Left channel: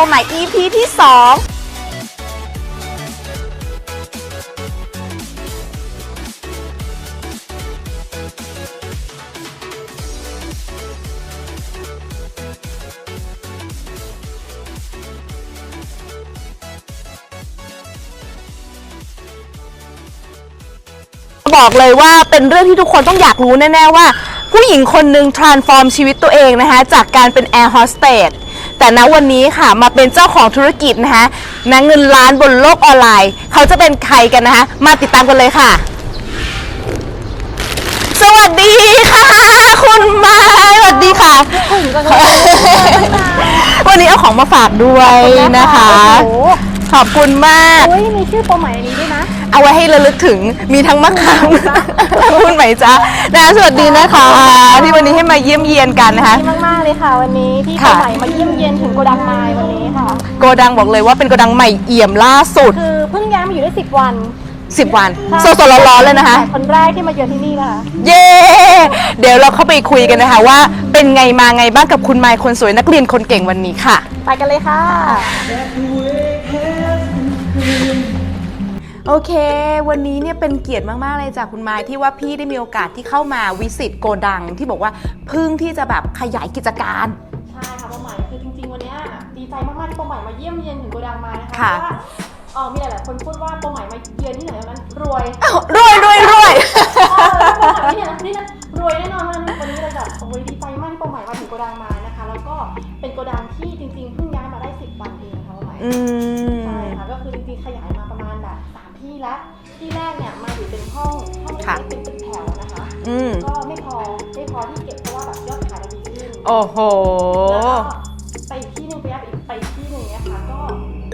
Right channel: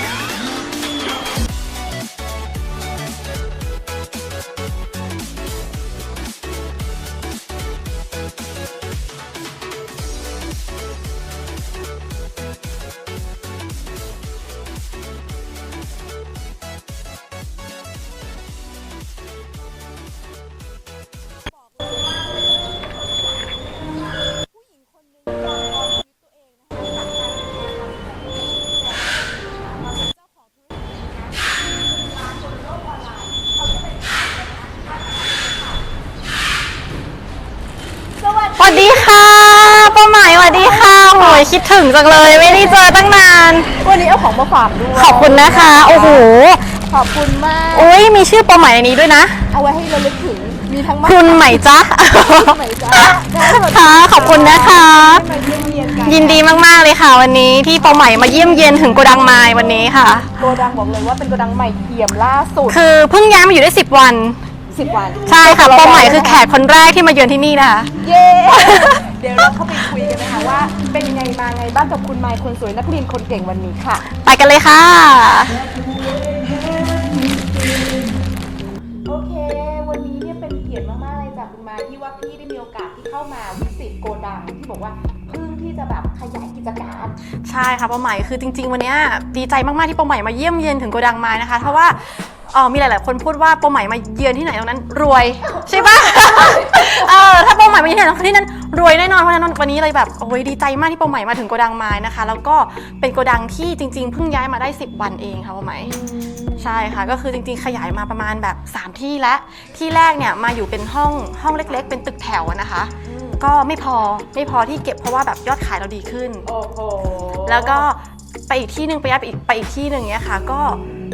านนักเรียนโกใหม่ EP ที่ 2บอกเลยว่าเป็นเรื่องที่ทุกคนต้องอยากรู้แน่ ๆ ว่า ผู้หญิงคนหนึ่ง transform ชีวิตตัวเองนะคะ จากการเป็น air hostess แต่ณวันนี้ค่ะมาเป็นเจ้าของธุรกิจนะคะนัเงินล้านบนโลกออนไลน์ เขาจะเป็นใครกันนะคะ มาติดตามกันเลยค่ะ สวัสดีค่ะคุณหมายสวัสดีค่ะคิดถึงจังเลยไม่ได้เจอตั้งนานวันนี้เอาของมาฝากด้วยขอบคุณนะคะโอ้โห ขอบคุณมากโอ้ย มีชื่อโปรใหม่ในนี้ด้วยนะ เอาไว้ให้ระลึกถึง มีทั้งมะคุณไหมจ๊ะคุณไหมจ๊ะนะสวัสดีนะขอบคุณนะคะที่วันนี้ให้มาเยี่ยมเยียนกันยินนะคะดีมากๆเลยค่ะวันนี้ที่ค่ะโปรใหม่มาเยี่ยมเยียนถึงโกดังไม้วันนี้ค่ะ โกดังบอกเลยว่าเป็นโกดังใหม่เอี่ยมล่าสุด คือเพิ่งย้ายมาอยู่ได้10 วัน10วันใช่สค่ะดโปรๆใหร้อม่นๆเป็แล้วนนะแขคะกคนแรกที่มาเยือนที่นี่นะคะ เย้เดี๋ยวเราเข้าไปคุยกันนะคะว่าเป็นไงมาไงบ้างกับคุณไมค์คนสวยนักเรียนคนเก่งวันนี้ค่ะ ไปกันเลยค่ะ โอเค วันนี้เนี่ยเป็นเกียรติมาก ๆ เลยจากคุณไม้ที่ว่าพี่ได้มีโอกาสที่เข้ามาวิสิตโกดัง ที่บอกว่าเพึ่งที่จะแบบขยายกิจการ ใช่ค่ะโปรใหม่คือจริง ๆ วันเนี้ยดีใจมาก ๆ ที่โปรใหม่มาเยี่ยมเยียนถึงโกดังไม้นะคะค่ะเพราะว่า เอ่อมีหลาย ๆ คนพูดว่าโปรใหม่มาเยือนที่ไหนตรงนั้น รวยรวยรวยรวยเออถ้าโปรใหม่มาที่ไหนที่นั้นรวยแน่นอนเพราะฉะนั้นวันนี้เลยแบบโอ้ยดีใจมากที่โปรใหม่มาถึงโกดังไม้นะคะ แล้วก็เป็นโกดังที่จริง ๆ เพิ่งย้ายมาได้ 10 วันเองค่ะโปรใหม่อืมใช่ค่ะก็คือจริงๆ ขยายมาประมาณแบบ 3 ที่แล้วที่แรกเนี่ยมาอยู่เป็นห้องห้องเล็กค่ะๆเป็นตึกแถวอะนะคะอืมก็ไม่พอไม่พอที่เก็บเพราะว่าแบบยอดขายเราดีขึ้น โอ้โห แล้วก็ ไปอีกที่หนึ่งไปย้ายไปอีกไปอีกที่หนึ่งเนี่ยค่ะ ก็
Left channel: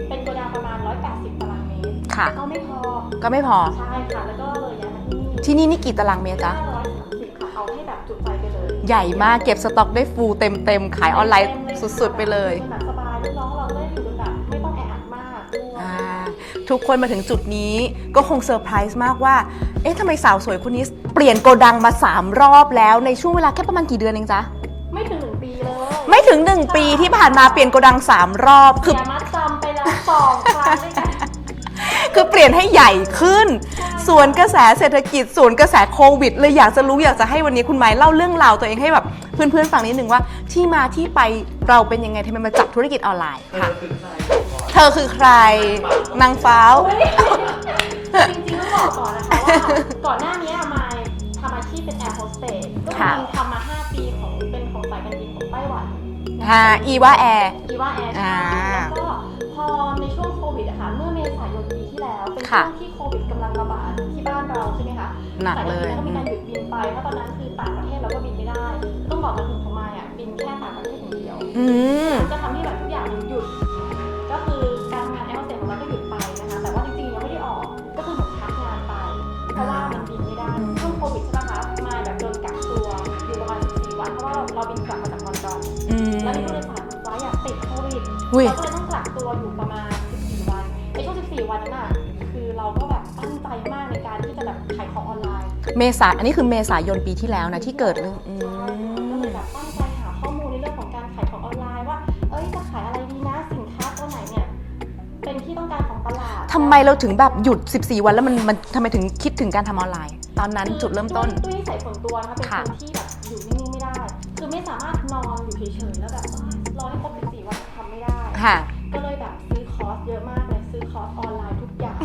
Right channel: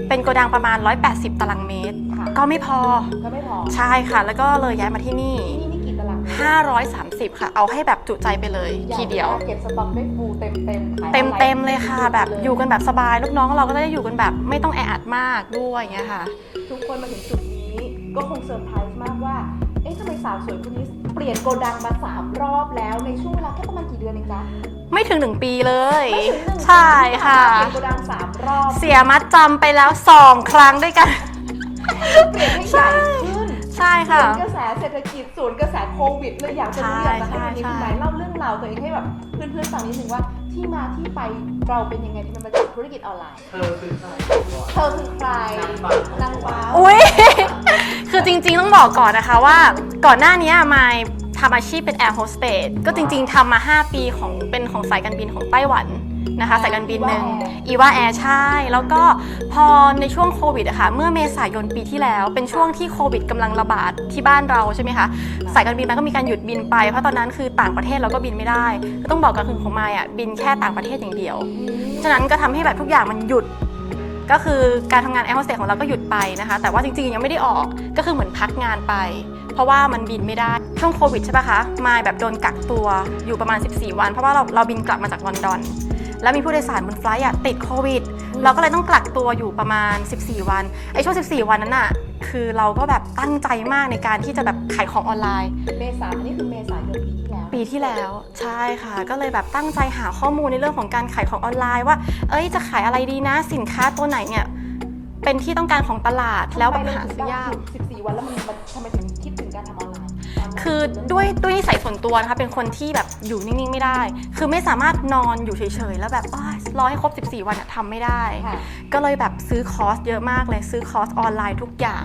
เป็นโกดังประมาณ 180 ตารางเมตร ค่ะ ก็ไม่พอก็ไม่พอ ใช่ค่ะ แล้วก็เลยย้ายมาที่นี่ที่นี่นี่กี่ตารางเมตรอะ530 ค่ะ เอาให้แบบจุใจไปเลยใหญ่มากเก็บสต็อกได้ฟูลเต็มเต็มๆขายอเต็อมนไลน์เต็มๆเลยค่ะสุดๆแบไปบเลย อยู่กันแบบสบายลูกน้องเราก็ได้อยู่กันแบบไม่ต้องแออัดมากด้วยอย่างเงี้ยค่ะ ทุกคนมาถึงจุดนี้ก็คงเซอร์ไพรส์มากว่า เอ๊ะทำไมสาวสวยคนนี้เปลี่ยนโกดังมา 3 รอบแล้วในช่วงเวลาแค่ประมาณกี่เดือนเองจ๊ะ ไม่ถึงหนึ่งปีเลย ไม่ถึง1ปีใช่ที่ผ่านมาค่ะ เปลี่ยนโกดัง3รอบ เสียมัดจำไปแล้วสองครั้งด้วยกัน คือเปลี่ยนให้ใหญ่ขึ้น ใช่ค่ะส่วนกระแสเศรษฐกิจส่วนกระแสโควิด เลยอยากจะรู้ใช่อยากจะให้วันนี้ใช่คุณไม้เล่าเรื่องราวตัวเองให้แบบเพื่อนๆฟังนิดนึงว่า ที่มาที่ไปเราเป็นยังไงทำไมมาจับธุรกิจออนไลน์ค่ะเธอคือใครนางฟ้าอุ้ยคือจริงๆต้องบอกก่อนนะคะว่า ก่อนหน้านี้มายทำอาชีพเป็นแอร์โฮสเตสก็จริงๆทำมา 5 ปีของเป็น ของสายการบินของไต้หวันนะคะอ่าสายการบิน Eva Air อีวาแอร์ใช่อ่าแล้วก็พอในช่วงโควิดอะค่ะเมื่อเมษายนปีที่แล้ว เป็นค่ะช่วงที่โควิดกำลังระบาดที่บ้านเราใช่ไหมคะหนักสายการบินนั้นก็มีการหยุดบินไป เพราะตอนนั้นคือต่างประเทศเราก็บินไม่ได้ก็ต้องบอกกันคือของมายอะบินแค่ต่างประเทศอย่างเดียวอืมฉะนั้นก็ทำให้แบบทุกอย่างมันหยุดก็คือการทำงานแอร์โฮสเตสของเราก็หยุดไปนะคะ แต่ว่าจริงๆยังไม่ได้ออกก็คือเหมือนพักงานไป เพราะว่ามันบินไม่ได้ช่วงโควิดใช่ปะคะมายแบบโดนกักตัวอยู่ประมาณ 14 วัน เพราะว่าเราเราบินกลับมาจากลอนดอน แล้วมีผู้โดยสารบนไฟลท์อะติดโควิด อุ๊ย เราก็เลยต้องกักตัวอยู่ประมาณ 14 วันไอ้ช่วง 14 วันนั้นน่ะคือเราก็แบบตั้งใจมากในการที่จะแบบขายของออนไลน์ เมษาอันนี้คือเมษายนปีที่แล้วนะปีที่ที่เกิดแล้วใช่ค่ะ ก็เลยแบบตั้งใจหาข้อมูลในเรื่องของการขายของออนไลน์ว่า เอ้ยจะขายอะไรดีนะสินค้าตัวไหนเนี่ย เป็นที่ต้องการของตลาดทำไมเราถึงแบบล้วหยุด 14 วันแล้วมันมันทำไมถึงคิดถึงการทำออนไลน์ ตอนนั้นคือจุดเริ่มต้นด้วยด้วยนิสัยส่วนตัวนะคะเป็นค่ะคนที่แบบอยู่นิ่งๆไม่ได้ คือไม่สามารถนอนอยู่เฉยๆแล้วแบบอ้ายรอให้ครบ 14 วันทำไม่ได้ ค่ะ ก็เลยแบบซื้อคอร์สเยอะมากเลยซื้อคอร์สออนไลน์ทุกอย่าง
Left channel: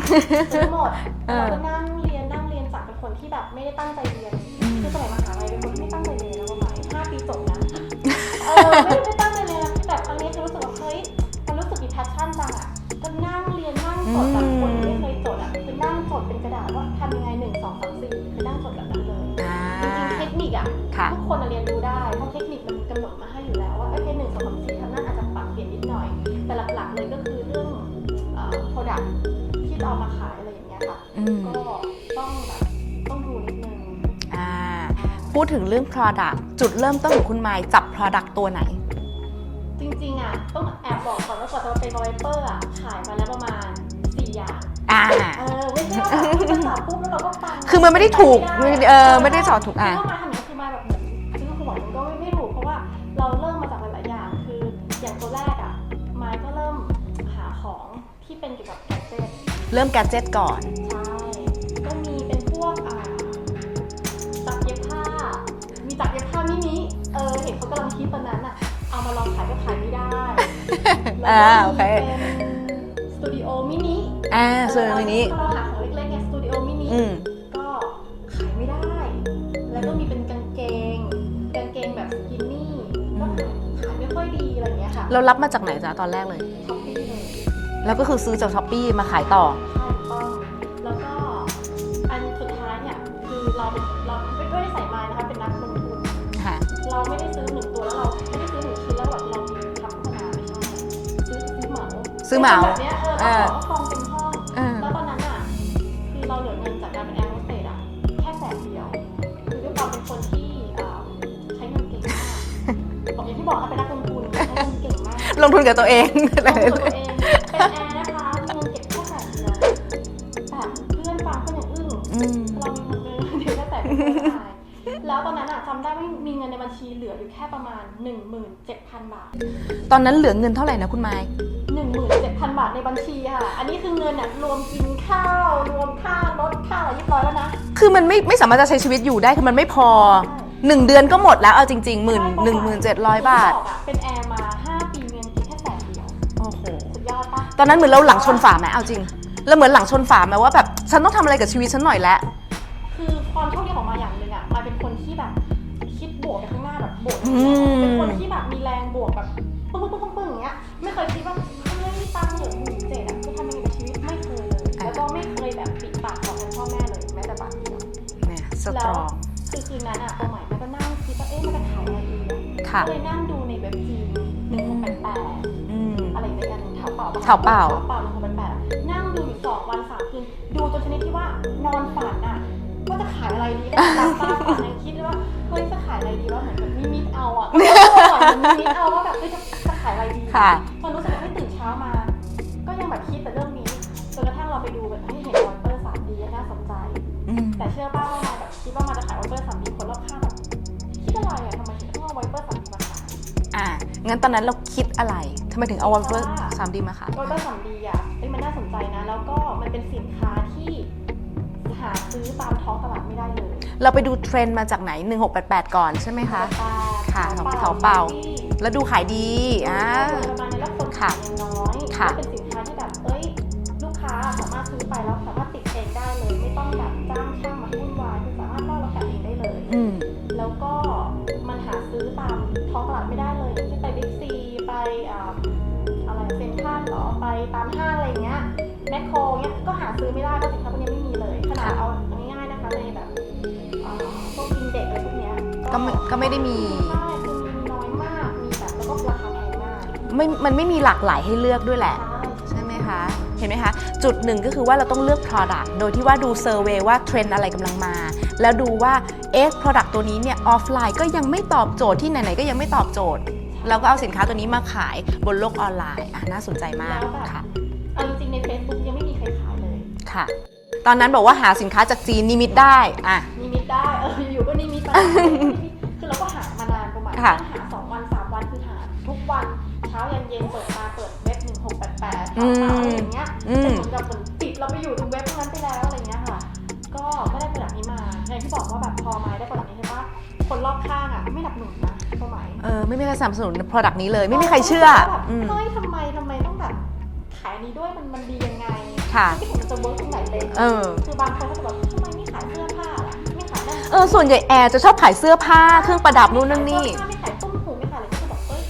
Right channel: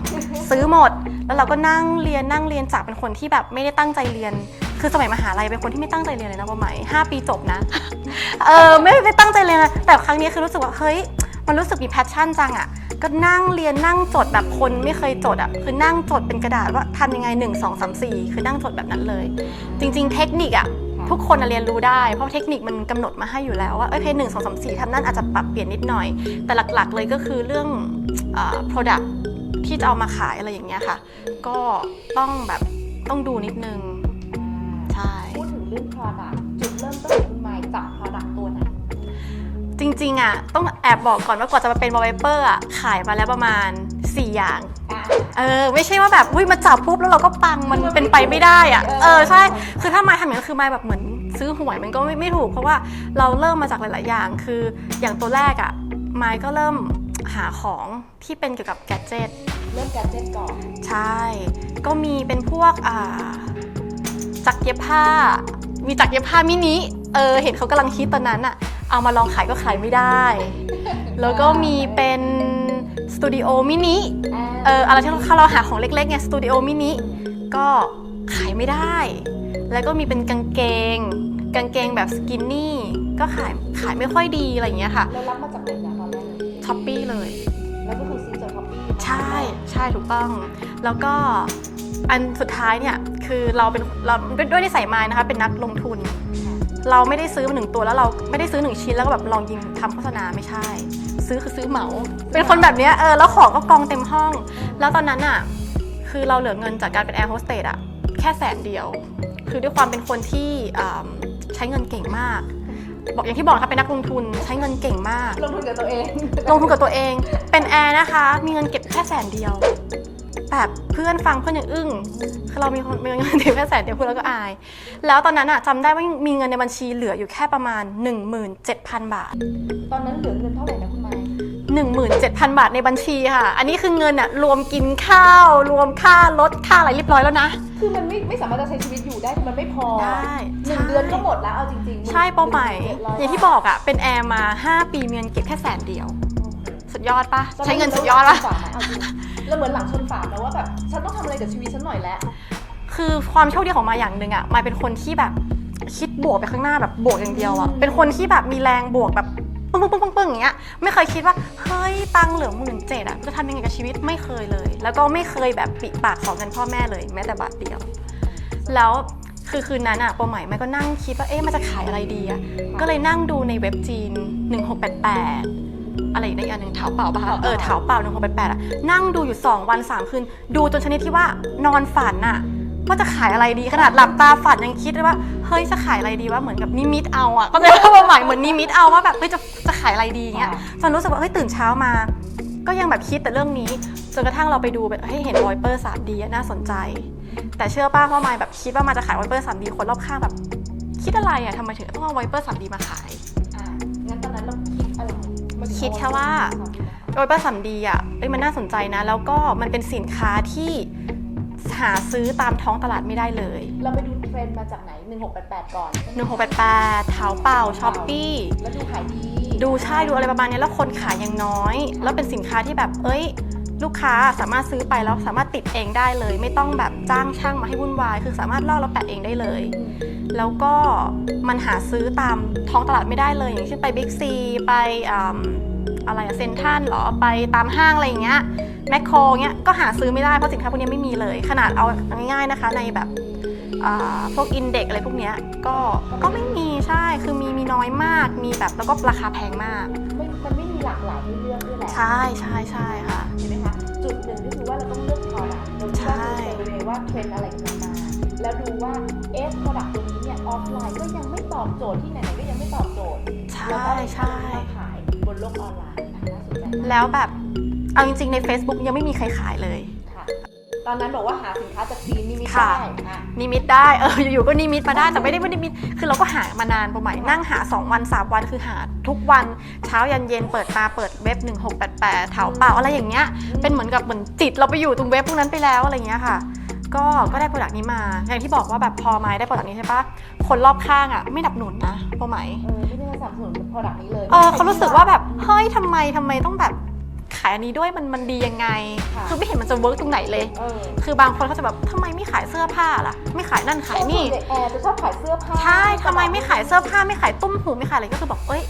ซื้อหมด แล้วเราก็นั่งเรียนนั่งเรียนจากเป็นคนที่แบบไม่ได้ตั้งใจเรียน คือสมัยมหาลัยเป็นคนที่ไม่ตั้งใจเรียนเลยนะว่าไหมห้าปีจบนะ เออไม่ไม่ตั้งใจเรียนนะแต่ครั้งนี้คือรู้สึกว่าเฮ้ย มันรู้สึกมีแพชชั่นจังอะก็นั่งเรียนนั่งจดแบบคนไม่เคยจดอะคือนั่งจดเป็นกระดาษว่าทำยังไง 1 2 3 4 คือนั่งจดแบบนั้นเลย จริง ๆ เทคนิคอะค่ะทุกคนน่ะเรียนรู้ได้ เพราะเทคนิคมันกำหนดมาให้อยู่แล้วว่าเอ้ยเพจหนึ่งสองสามสี่ทำนั่นอาจจะปรับเปลี่ยนนิดหน่อย แต่หลักๆ เลยก็คือเรื่องเอ่อ product ที่จะเอามาขายอะไรอย่างเงี้ยค่ะอืมก็ต้องแบบต้องดูนิดนึงอ่าใช่พูดถึงเรื่อง Product จุดเริ่มต้นของคุณไมค์จับ Product ตัวไหน จริงๆอะต้องแอบบอกก่อนว่ากว่าจะมาเป็นวอลเปเปอร์อะขายมาแล้วประมาณ 4 อย่าง อ่า เออ ไม่ใช่ว่าแบบอุ้ยมันจับปุ๊บแล้วเราก็ปังคือมันไม่ได้ไปถูกไม่ได้อะเออเออไม่ได้ใช่สอนถูกอะ คือถ้าไม้ทำอย่างนั้นคือไม้แบบเหมือนซื้อหวยมันก็ไม่ไม่ถูก เพราะว่าเราเริ่มมาจากหลาย ๆ อย่าง คืออย่างตัวแรกอะไม้ก็เริ่มหาของที่เป็นเกี่ยวกับแกดเจิต เริ่มแกดเจ็ตก่อน ใช่ ก็มีเป็นพวกอ่าจักรเย็บผ้า มีจักรเย็บผ้ามินิ เออ เห็นเขากำลังคิดตอนนั้นอะ เอามาลองขายก็ขายไม่ได้ แล้วก็อ่ามีมีโอเคเป็นสตูดิโอมินิ อ่าเอออะไรที่นี้เราหาของเล็กๆไงสตูดิโอมินิ อืมก็ขายไม่ได้ แล้วก็มีเป็นกางเกง กางเกงแบบสกินนี่ ก็ขายขายไม่ค่อยดีอะไรอย่างเงี้ยค่ะเรารับมาจากไหนจ๊ะตอนแรกเลย ช้อปปี้เลยแล้วก็คือซื้อจากช้อปปี้มาขายต่อ ใช่ถูกต้อง แล้วก็อันสุดท้ายเนี่ย คือเราเป็นเราด้วยนิสัยมายนะคะ เป็นนักลงทุนค่ะ เราไม่ได้ซื้อมาหนึ่งตัวแล้วเราไม่ได้ซื้อหนึ่งชิ้นแล้วก็แบบลองยิงทำโฆษณาไม่ใช่ ซื้อคือซื้อเหมาซื้อเป็นเหมาคนแบบเนี้ยเออแล้วเออของก็กองเต็มห้องอืมแล้วตอนนั้นอะคือเราเหลือเงินจากการเป็นแอร์โฮสเตสอะแค่แสนเดียว คือด้วยความเป็นคนที่อ่าใช้เงินเก่งมาก บอกอย่างที่บอกนะคะเป็นนักลงทุนใช้เงินเก่งมาก ลงทุนกับตัวเอง ลงทุนกับตัวเอง เป็นแอร์นะคะ มีเงินเก็บแค่แสนเดียว แบบเพื่อนฟังเพื่อนยังอึ้งอืมคือเรามีคนมีเงินเก็บแค่แสนเดียวเพื่อนเราก็อาย แล้วตอนนั้นอะจำได้ว่ามีเงินในบัญชีเหลืออยู่แค่ประมาณ 17,000 บาท ตอนนั้นเหลือเงินเท่าไหร่นะคุณไม้17,000 บาทในบัญชีค่ะ อันนี้คือเงินอะรวมกินข้าว รวมค่ารถค่าอะไรเรียบร้อยแล้วนะ คือมันไม่ไม่สามารถจะใช้ชีวิตอยู่ได้คือมันไม่พอใช่หนึ่งเดือนก็หมดแล้วเอาจริงๆหมื่นใช่หเป้านึ่หงมายหมื่นเจ็ดร้อยอย่างบาที่ทบอกอะเป็นแอร์มา 5ปีมีเงินเก็บแค่แสนเดียวโอ้โหสุดยอดปะตอนนั้นเหมือนเราหลังชนสุดยอดปะฝาไหมเอาจริง เราเหมือนหลังชนฝาไหมว่าแบบฉันต้องทำอะไรกับชีวิตฉันหน่อยแล้ว คือความโชคดีของมาอย่างหนึ่งอะมายเป็นคนที่แบบคิดบวกไปข้างหน้าแบบบวกอย่างเดียวอะอืม เป็นคนที่แบบมีแรงบวกแบบปึ้งปึ้งปึ้งปึ้งปึ้งอย่างเงี้ยไม่เคยคิดว่าเฮ้ยตังค์เหลือหมื่นเจ็ดอะจะทำยังไงกับชีวิตไม่เคยเลย แล้วก็ไม่เคยแบบปิดปากขอเงินพ่อแม่เลยแม้แต่บาทเดียว แล้วคือคืนนั้นอะปอใหม่มันก็นั่งคิดว่าเอ๊ะมันจะขายอะไรดีอะค่ะ ก็เลยนั่งดูในเว็บจีน 1688 อืมอะไรในอันหนึ่งเถาเป่าปะคะเถาเป่า ออเถาเป่าหนึ่งหกแปดแปดอะนั่งดูอยู่ 2 วัน 3 คืน ดูจนชนิดที่ว่านอนฝันอะว่าจะขายอะไรดีขนาดหลับตาฝันยังคิดเลยว่าเฮ้ยจะขายอะไรดีว่าเหมือนกับนิมิตเอาอะก็เลยว่าหมายเหมือนนิมิตเอาว่าแบบเฮ้ยจะจะขายอะไรดีค่ะ จนรู้สึกว่าเฮ้ยตื่นเช้ามา ก็ยังแบบคิดแต่เรื่องนี้จนกระทั่งเราไปดูแบบให้เห็นวอยเปอร์ 3D อะน่าสนใจอืมแต่เชื่อป้าว่าไมายแบบคิดว่ามันจะขายวอยเปอร์ 3D คนรอบข้างแบบ คิดอะไรอะทำไมถึงต้องเอาวอยเปอร์ 3D มาขาย อ่างั้นตอนนั้นเราคิดอะไรทำไมถึงเอาคิดแค่ว่า สามดีมาขายโดยป้าสัมดีอะเอ้ยมันน่าสนใจนะ แล้วก็มันเป็นสินค้าที่หาซื้อตามท้องตลาดไม่ได้เลยเราไปดูเทรนด์มาจากไหน 1688 ก่อนใช่ไหมหนึ่งหคะกแปดแปดเท้าเปล่าเท้าช้เปอล่า ปปี้แล้วดูขายดีดูใช่ดูอะไรประมาณนี้แล้วคนขายยังน้อย ค่ะ แล้วเป็นสินค้าที่แบบ เอ้ย ลูกค้าสามารถซื้อไปแล้วสามารถติดเองได้เลย ไม่ต้องแบบจ้างช่างมาให้วุ่นวาย คือสามารถลอกแล้วแปะเองได้เลยอืมแล้วก็มันหาซื้อตามท้องตลาดไม่ได้เลย อย่างเช่นไปบิ๊กซีไปอ่าอะไรอะเซนทันหรอไปตามห้างอะไรอย่างเงี้ยแมคโครเงี้ยก็หาซื้อไม่ได้เพราะสินค้าพวกนี้ไม่มีเลย ขนาดเอาง่ายๆนะคะในแบบอ่าพวกอินเด็กอะไรพวกเนี้ยก็ก็ไม่ก็ไม่ได้มีใช่คือมีมีน้อยมากมีแบบแล้วก็ราคาแพงมาก ไม่มันไม่มีหลากหลายให้เลือกด้วยแหละ ใช่ใช่ใช่คะเห็นไหมคะ จุดหนึ่งก็คือว่าเราต้องเลือก Product โดยที่ว่าดูเซอร์เวยว่าเทรนด์อะไรกำลังมา แล้วดูว่าเอ๊ะ Product ตัวนี้เนี่ยออฟไลน์ก็ยังไม่ตอบโจทย์ที่ไหนๆก็ยังไม่ตอบโจทย์ ใช่ แล้วก็เอาสินค้าตัวนี้มาขายบนโลกออนไลน์อะน่าสนใจมากแล้วแบบ ค่ะเอาจริงๆใน Facebook ยังไม่มีใครขายเลย ค่ะ ตอนนั้นบอกว่าหาสินค้าจากจีนนิมิตได้อะ นิมิตได้ เออ อยู่ๆ ก็นิมิตมาได้แต่ไม่ได้ไม่ได้นิมิต คือเราก็หามานานประมาณค่ะนั่งหา 2 วัน 3 วันคือหาทุกวันเช้ายันเย็นเปิดมาเปิดเว็บ 1688เถาเปล่าอะไรอย่างเงี้ยเป็นเหมือนกับเหมือนจิตเราไปอยู่ตรงเว็บพวกนั้นไปแล้วอะไรอย่างเงี้ยค่ะ ก็ก็ได้โปรดักต์นี้มา อย่างที่บอกว่าแบบพอไม้ได้โปรดักต์นี้ใช่ปะคนรอบข้างอะไม่หนับหนุนนะพอไหมเออไม่มีใครสนับสนุน Product นี้เลย ไม่มีใครขาเชื่อสึกว่าแบบอืมเฮ้ยทำไมทำไมต้องแบบ ขายอันนี้ด้วยมันมันดียังไงค่ะอไม่เห็นมันจะเวิร์กตรงไหนเลย เออ คือบางคนเขาจะแบบทำไมไม่ขายเสื้อผ้าล่ะ ไม่ขายนั่นขายเออนี่ส่วนใหญ่แอร์จะชอบขายเสื้อผ้าเครื่องประดับไม่นู่นขายนี่เสื้อผ้าไม่ขายตุ้มหูไม่ขายอะไรก็คือบอกเอ้ย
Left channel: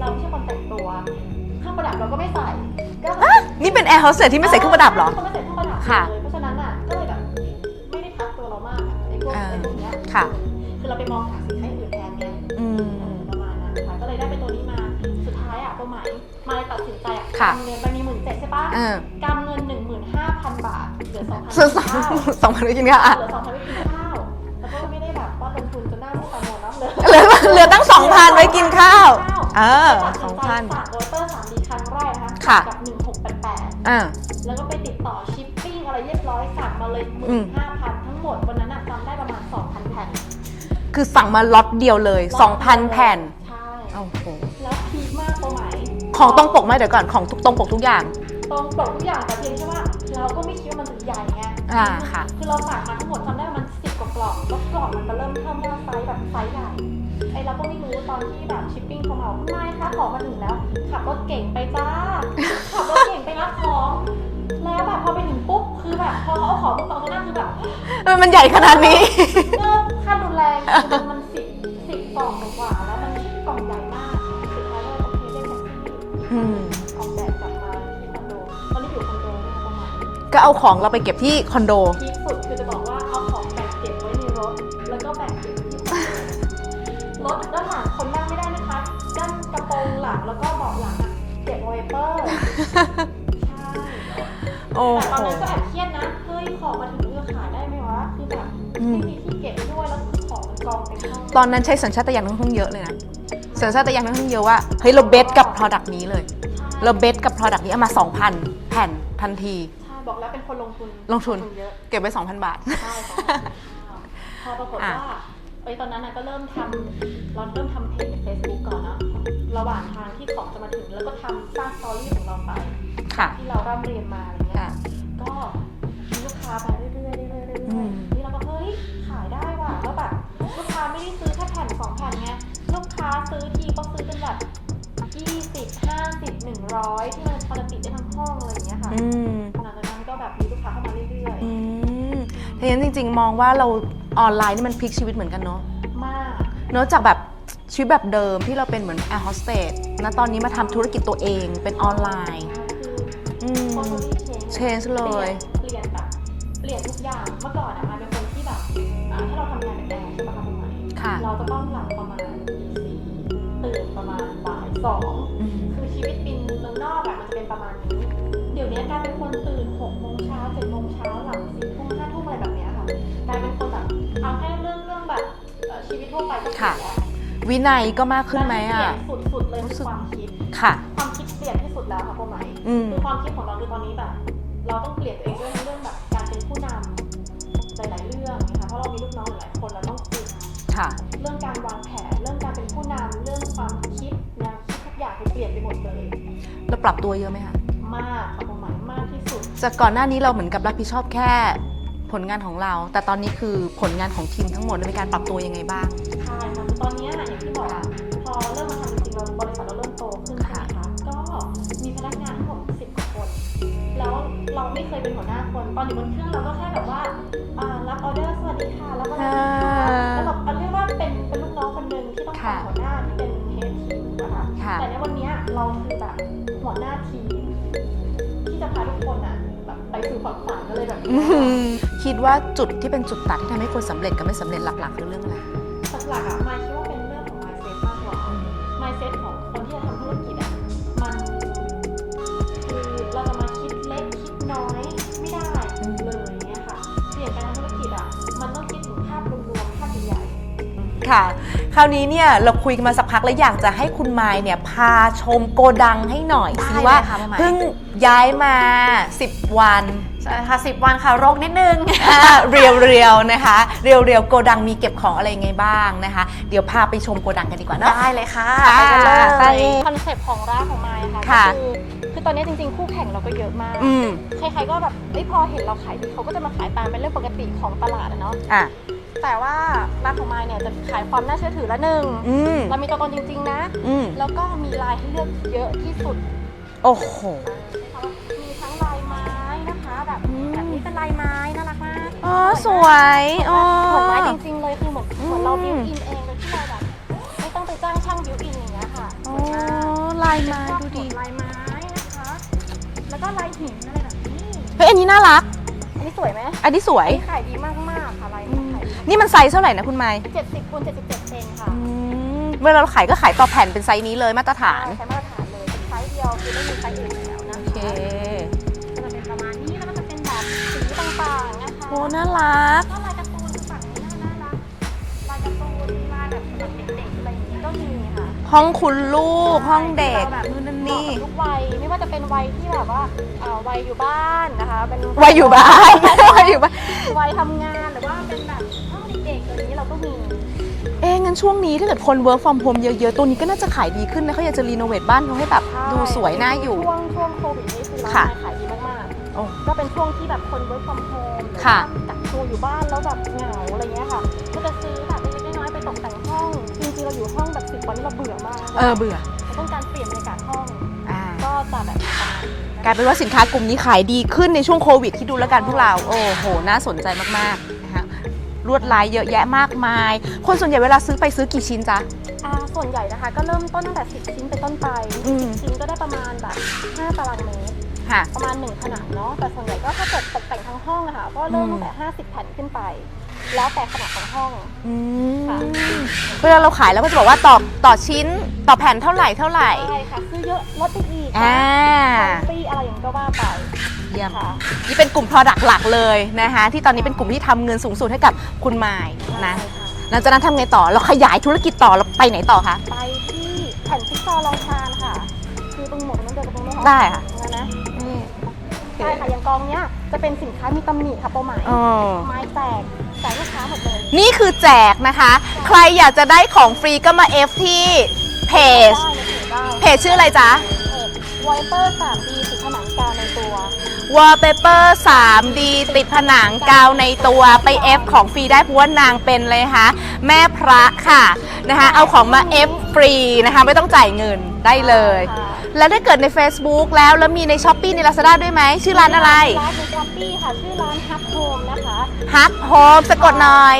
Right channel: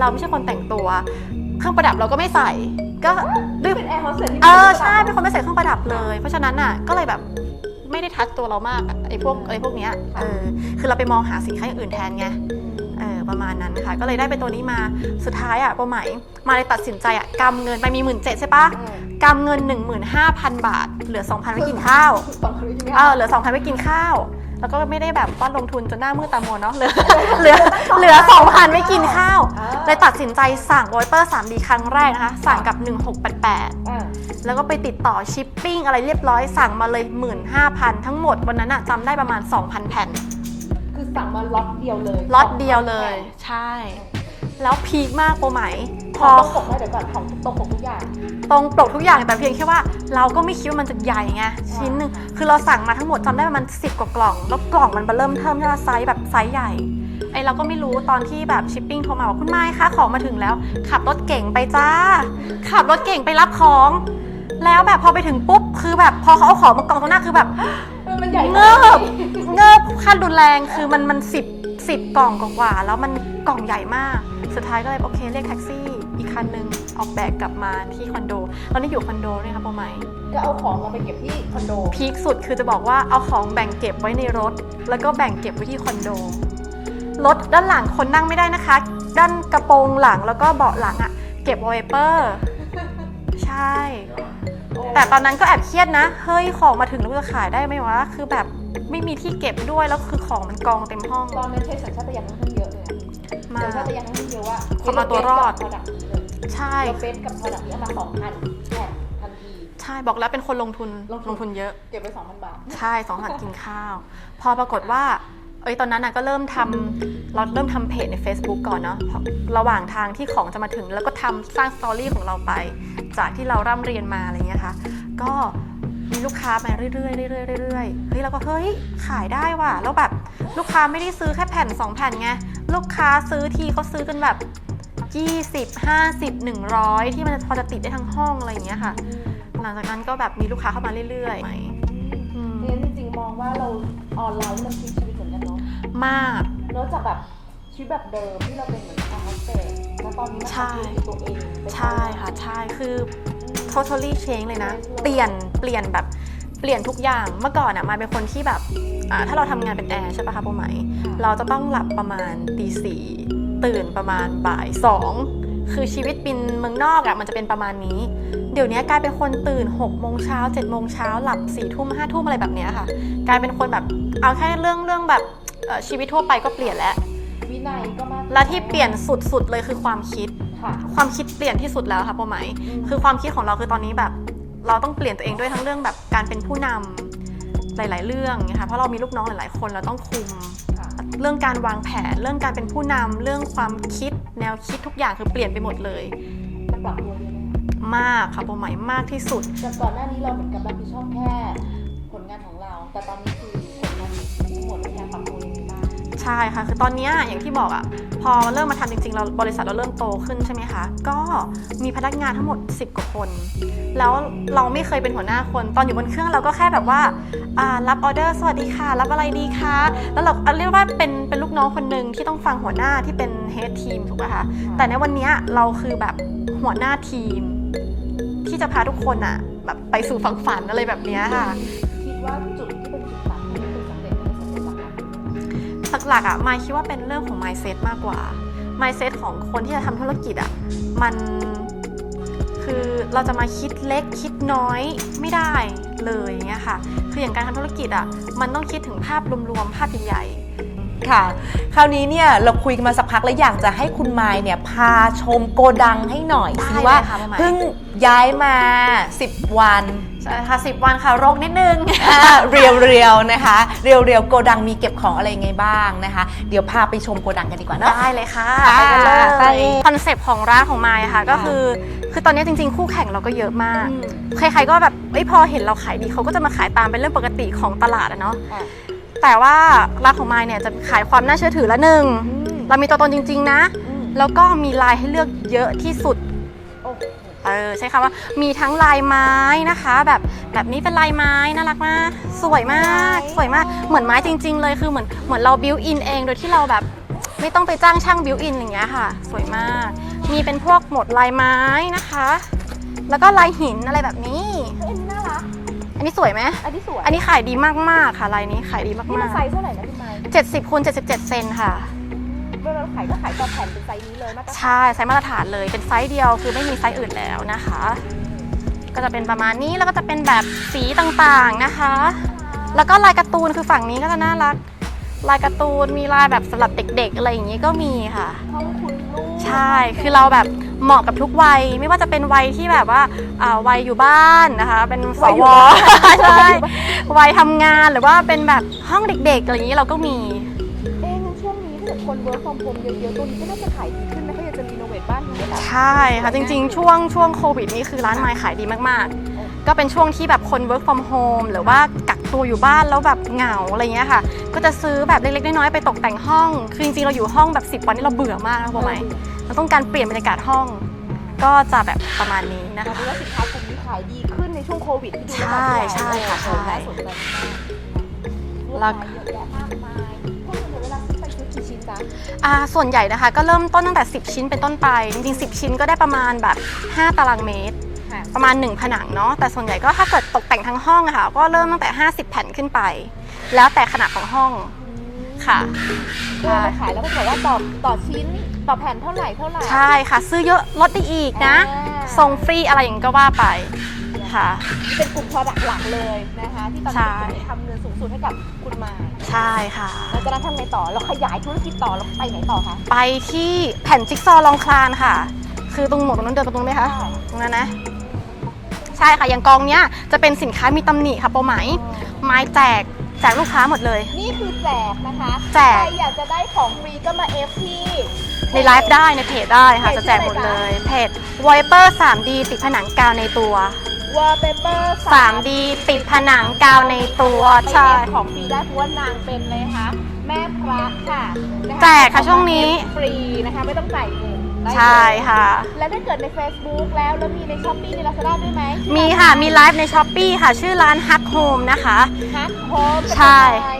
เราไม่ใช่คนแต่งตัว เครื่องประดับเราก็ไม่ใส่ก็เอ้ยนี่เป็นแอร์โฮสเตสที่ไม่ใส่เครื่องประดับเหรอใช่เป็นคนไม่ใส่เครื่องประดับค่ะเลยเพราะฉะนั้นอะก็เลยแบบ ไม่ได้ทัดตัวเรามากอะไอ้พวกอ่า ไอ้พวกเนี้ยค่ะ เออคือเราไปมองหาสินค้าอย่างอื่นแทนไงอืมเออประมาณนั้นค่ะ ก็เลยได้เป็นตัวนี้มาสุดท้ายอะประไหมมาเลยตัดสินใจอะค่ะ กำเงินไปมีหมื่นเจ็ดใช่ปะเออกำเงิน 15,000 บาท เหลือ2,000ส่วนกินข้าวสองพันกินอ่าข้าว เหลือ2,000ไว้กินข้าว แล้วก็ไม่ได้แบบว่าลงทุนจนหน้ามืดตามัวเนาะเหลือเหลือตั้ง2,000เหลือไว้กิน2,000ไว้ข้าวข้าวเออเลยตัดสินใจสั้นสั่งวอเตอร์ 3D ครั้งแรกนะคะค่ะสั่งกับ 1688อ่าแล้วก็ไปติดต่อชิปปิ้งอะไรเรียบร้อยสั่งมาเลย 15,000 ทั้งหมดวันนั้นอะจำได้ประมาณ 2,000 แผ่น คือสั่งมาล็อตเดียวเลยล็อตเดียว2,000เลยแผ่น ใช่โอ้โหแล้วพีคมากโปรไหมของตรงปกไหมเดี๋ยวก่อนของตรงปกทุกอย่าง ตรงปกทุกอย่างแต่เพียงแค่ว่าเราก็ไม่คิดว่ามันจะใหญ่ไงอ่าชิ้นหนึงค่ะ คือเราสั่งมาทั้งหมดจำได้ประมาณ10กว่ากล่อง แล้วกล่องมันเริ่มเทิมที่ว่าไซส์แบบไซส์ใหญ่ไอเราก็ไม่รู้ตอนที่แบบชิปปิ้งโทรมาว่าคุณไม้คะของมาถึงแล้ว ขับรถเก่งไปจ้า ขับรถเก่งไปรับของ แล้วแบบพอไปถึงปุ๊บคือแบบพอเขาเอาของมากองตรงหน้าคือแบบ เออมันใหญ่ขนาดนี้ เงิบขั้นรุนแรงคือมันมันสิบสิบกล่องกว่าๆแล้วมันกล่องใหญ่มาก สุดท้ายก็เลยโอเคเรียกแท็กซี่อีกคันหนึ่งออกแบกกลับมาที่คอนโด ตอนนี้อยู่คอนโดเนี่ยนะโปรไหมก็เอาของเราไปเก็บที่คอนโด พีคสุดคือจะบอกว่าเอาของแบ่งเก็บไว้ในรถ แล้วก็แบ่งเก็บไว้ที่คอนโด รถด้านหลังคนนั่งไม่ได้นะคะ ด้านกระโปรงหลังแล้วก็เบาะหลังอะเก็บวอลเปเปอร์ ใช่ แต่ตอนนั้นก็แอบเครียดนะ เฮ้ยของมาถึงแล้วจะขายได้ไหมวะ คือแบบอืมไม่มีที่เก็บด้วยแล้วคือของมันกองเต็มห้อง ตอนนั้นใช้สัญชาตญาณค่อนข้างเยอะเลยนะมาก สัญชาตญาณค่อนข้างเยอะว่าเฮ้ยเราเบสกับเอาตัวรอด product นี้เลย ใช่เราเบสกับ product นี้เอามา 2,000 แผ่นทันที ใช่บอกแล้วเป็นคนลงทุนลงทุน เยอะเก็บไว้ 2,000 บาท ใช่ของหากินข้าว พอปรากฏอะว่าเอ้ยตอนนั้นนะก็เริ่มทำเราเริ่มทำเพจใน Facebook ก่อนเนาะเพราะระหว่างทางที่ของจะมาถึง แล้วก็ทำสร้างสตอรี่ของเราไปจากที่เราร่ำเรียนมาอะไรเงี้ยค่ะก็มี ลูกค้ามาเรื่อยๆเรื่อยๆเรื่อยๆเฮ้ยเราก็เฮ้ยขายได้ว่ะแล้วแบบลูกค้าไม่ได้ซื้อแค่แผ่น2แผ่นไงลูกค้าซื้อทีเขาซื้อกันแบบ20 50 100 ที่มันพอจะติดได้ทั้งห้องอะไรอย่างเงี้ยค่ะอืมหลังจากนั้นก็แบบมีลูกค้าเข้ามาเรื่อยอืมเพราะฉะนั้นจริง ๆ มองว่าเราออนไลน์นี่มันพลิกชีวิตเหมือนกันเนาะๆมากเนอะจากแบบ ชีวิตแบบเดิมที่เราเป็นเหมือนแอร์โฮสเตสนะตอนนี้มาใช่ทำธุรกิจตัวเองเป็นออนไลน์ ใช่ คืออืม totally change เลยนะ change เลย เปลี่ยน เปลี่ยนแบบ เปลี่ยนทุกอย่าง เมื่อก่อนอะมายเป็นคนที่แบบอ่าถ้าเราทำงานเป็นแอร์ใช่ปะคะโปรไหม ค่ะเราจะต้องหลับประมาณตีสี่ตื่นประมาณบ่ายสองคือชีวิตบินเมืองนอกอะมันจะเป็นประมาณนี้ เดี๋ยวนี้กลายเป็นคนตื่น6กโมงเช้า7จ็ดโมงเช้าหลับสี่ทุ่มห้าทุ่มอะไรแบบเนี้ยค่ะ กลายเป็นคนแบบเอาแค่เรื่องเรื่องแบบเอ่อชีวิตทั่วไปก็เปลี่ยนแล้ว วินัยก็มากขึ้นและไหมที่อะเปลี่ยนสุดๆเลยคือความคิด ค่ะ ความคิดเปลี่ยนที่สุดแล้วค่ะพ่อไหมอืม คือความคิดของเราคือตอนนี้แบบ เราต้องเปลี่ยนตัวเองด้วยทั้งเรื่องแบบการเป็นผู้นำหลาย ๆ เรื่องนะคะเพราะเรามีลูกน้องหลายๆ คนเราต้องคุม ค่ะ เรื่องการวางแผน เรื่องการเป็นผู้นำเรื่องความคิดแนวคิดทุกอย่างคือเปลี่ยนไปหมดเลย เราปรับตัวเยอะไหมคะมากค่ะพ่อไหมมากที่สุด จากก่อนหน้านี้เราเหมือนกับรับผิดชอบแค่ ผลงานของเรา แต่ตอนนี้คือผลงานของทีมทั้งหมดมีการปรับตัวยังไงบ้าง ใช่ค่ะ คือตอนเนี้ยอย่างที่บอกอะพอเริ่มมาทำจริงๆ เราบริษัทเราเริ่มโตขึ้นใช่ไหมคะ ก็มีพนักงานทั้งหมด 10กว่าคน แล้วเราไม่เคยเป็นหัวหน้าคน ตอนอยู่บนเครื่องเราก็แค่แบบว่าอ่ารับออเดอร์สวัสดีค่ะ รับอะไรดีคะอ่าแล้วเราเรียกว่าเป็นเป็นลูกน้องคนหนึ่งที่ต้องฟังหัวหน้าที่เป็นเฮดทีมถูกไหมคะค่ะแต่ในวันเนี้ยเราคือแบบหัวหน้าทีม ที่จะพาทุกคนอะแบบไปสู่ฝังฝันอะไรแบบเนี้ยค่ะ คิดว่าจุดที่เป็นจุดตัดที่ทำให้คนสำเร็จกับไม่สำเร็จหลักๆคือเรื่องอะไรหลักๆอะมายคิดว่าเป็นเรื่องของ mindset มากกว่า mindset ของคนที่จะทำธุรกิจอะมันคือเราจะมาคิดเล็กคิดน้อยไม่ได้เลยอย่างเงี้ยค่ะ คืออย่างการทำธุรกิจอะมันต้องคิดถึงภาพรวมๆภาพใหญ่ ค่ะ คราวนี้เนี่ยเราคุยกันมาสักพักแล้วอยากจะให้คุณไมค์เนี่ยพาชมโกดังให้หน่อยได้สิเลยว่าค่ะมาใหม่เพิ่งย้ายมา 10 วันๆใช่ค่ะสิบวันค่ะรกนิดนึงเรียวเรียวๆนะคะเรียวเรียวๆโกดังมีเก็บของอะไรยังไงบ้างนะคะ เดี๋ยวพาไปชมโกดังกันดีกว่าเนอะ ได้เลยค่ะค่ะไปกันเลไปยคอนเซปต์ของร้านของมายอะค่ะก็ค่ะคือคือตอนนี้จริงๆ คู่แข่งเราก็เยอะมาก อืมใครๆก็แบบเอ้ยพอเห็นเราขายดีเขาก็จะมาขายตามเป็นเรื่องปกติของตลาดอะเนาะ อะ แต่ว่าร้านของมายเนี่ยจะขายความน่าเชื่อถือละหนึ่งอืมเรามีตัวตนจริง ๆ นะ อืมแล้วก็มีลายให้เลือกเยอะที่สุด โอ้โห เออใช้คำว่ามีทั้งลายไม้นะคะ แบบแบบนี้เป็นลายไม้น่ารักมากอ๋อสวยมากสวยสวยมากอ๋อเหมือนไม้จริง ๆ เลยคือเหมือนเหมือนเราบิวอินเองโดยที่เราแบบไม่ต้องไปจ้างช่างบิวอินอย่างเงี้ยค่ะ สวยมากอ๋อลายมีเป็นพวกหมดลายไม้นะคะ แล้วก็ลายหินอะไรแบบนี้ เฮ้ยอันนี้น่ารัก อันนี้สวยไหมอันนี้สวย อันนี้ขายดีมากๆค่ะลายนี้ขายดีมากๆนี่มันไซส์เท่าไหร่นะคุณไมค์70คูณ77 เซนค่ะเวลาเราขายก็ขายต่อแผ่นเป็นไซส์นี้เลยมาตรฐาใช่นไซส์มาตรฐานเลยเป็นไซส์เดียวคือไม่มีไซส์อื่นแล้วนะคะโอเคก็จะเป็นประมาณนี้แล้วก็จะเป็นแบบสีต่างๆนะคะ น่ารัก แล้วก็ลายการ์ตูนคือฝั่งนี้ก็จะน่ารัก ลายการ์ตูนมีลายแบบสำหรับเด็กๆ อะไรอย่างนี้ก็มีค่ะ ห้องคุณลูกใช่ห้องด็กคือเราแบบเหมาะกับทุกวัย ไม่ว่าจะเป็นวัยที่แบบว่าอ่าวัยอยู่บ้านนะคะ เป็นวัยอยู่บ้าน ใช่วัยอยู่บ้านวัยทำงานหรือว่าเป็นแบบห้องเด็กๆอะไรอย่างนี้เราก็มีเอ๊ะ งั้นช่วงนี้ถ้าเกิดคน work from home เยอะๆ ตัวนี้ก็น่าจะขายดีขึ้นนะเขาอยากจะรีโนเวทบ้านเขาให้แบบใช่ดูสวค่ะยจน่าริงอยู่ ๆ ช่วงช่วงโควิดนี่คือร้านค่ะไม้ขายดีมากโอ้ๆ ก็เป็นช่วงที่แบบคน work from home หรือค่ะว่ากักตัวอยู่บ้านแล้วแบบเหงาอะไรเงี้ยค่ะ ก็จะซื้อแบบเล็กๆน้อยๆไปตกแต่งห้อง คือจริงๆเราอยู่ห้องแบบ 10 วันนี่เราเบื่อมากนะเออเบื่อเราต้องการเปลี่ยนบรรยากาศห้องอ่าก็จะแบบประมาณนี้นะกลายเป็นว่าสินค้ากลุ่มนี้ขายดีขึ้นในช่วงโควิดที่ดูแล้วกันใช่พวกเรา ใช่ โอ้โห น่าสนใจมากๆนะคะ ลวดลายเยอะแยะมากมาย คนส่วนใหญ่เวลาซื้อไปซื้อกี่ชิ้นจ๊ะอ่าส่วนใหญ่นะคะ ก็เริ่มต้นตั้งแต่ 10 ชิ้นเป็นต้นไปจริงอืมๆ10 ชิ้นก็ได้ประมาณแบบ 5 ตารางเมตรค่ะประมาณ 1 ผนังเนาะแต่ส่วนใหญ่ก็ถ้าเกิดตกแต่งทั้งห้องอะค่ะก็เริ่มตั้งแต่ 50 แผ่นขึ้นไป แล้วแต่ขนาดของห้องค่ะเวลาเราขายแล้วก็จะบอกว่าต่อต่อชิ้นต่อแผ่นเท่าไหร่เท่าไหร่ใช่ค่ะ ซื้อเยอะลดได้อีกนะอ่าส่งฟรีอะไรอย่างนี้ก็ว่าไป เยี่ยมค่ะ นี่เป็นกลุ่ม Product หลักเลยนะคะ ที่ตอนนี้ใช่ เป็นกลุ่มที่ทำเงินสูงสุดให้กับคุณไมายใช่ค่ะ หลังจากนั้นทำไงต่อ เราขยายธุรกิจต่อเราไปไหนต่อคะ ไปที่แผ่นจิ๊กซอว์รองคลานค่ะ คือตรงหมวกตรงนั้นเดินตรงนู้นไหมคะได้ค่ะ ตรงนั้นนะนี่ใช่ค่ะ อย่างกองเนี้ยจะเป็นสินค้ามีตำหนิค่ะเป้าหมายไม้แจกแจกลูกค้าหมดเลย นี่คือแจกนะคะ แจก ใครอยากจะได้ของฟรีก็มา F ที่เพไลจ ฟ์ได้ในเพจได้ค่เพจชื่ออะไรจ๊ะ เพจ w i p e r 3D ติดผนังกาวในตัว wallpaper 3D ติดผนังกาวในตัวไปใช่ F ของฟรีได้เพราะว่านางเป็นเลยนะคะแม่พระค่ะนะคะแจกเอาของช่วมางนี้ F ฟรีนะคะไม่ต้องจ่ายเงินได้เลยใช่ค่ะ แล้วถ้าเกิดใน Facebook แล้วแล้วมีใน s h อ p e e ใน Lazada ด้วยไหมชื่อร้านมีอะไรค่ะมีไลฟ์ในช้อปปีค่ะ ชื่อร้าน Hug Home นะคะ Hug Home สะกดหน่อย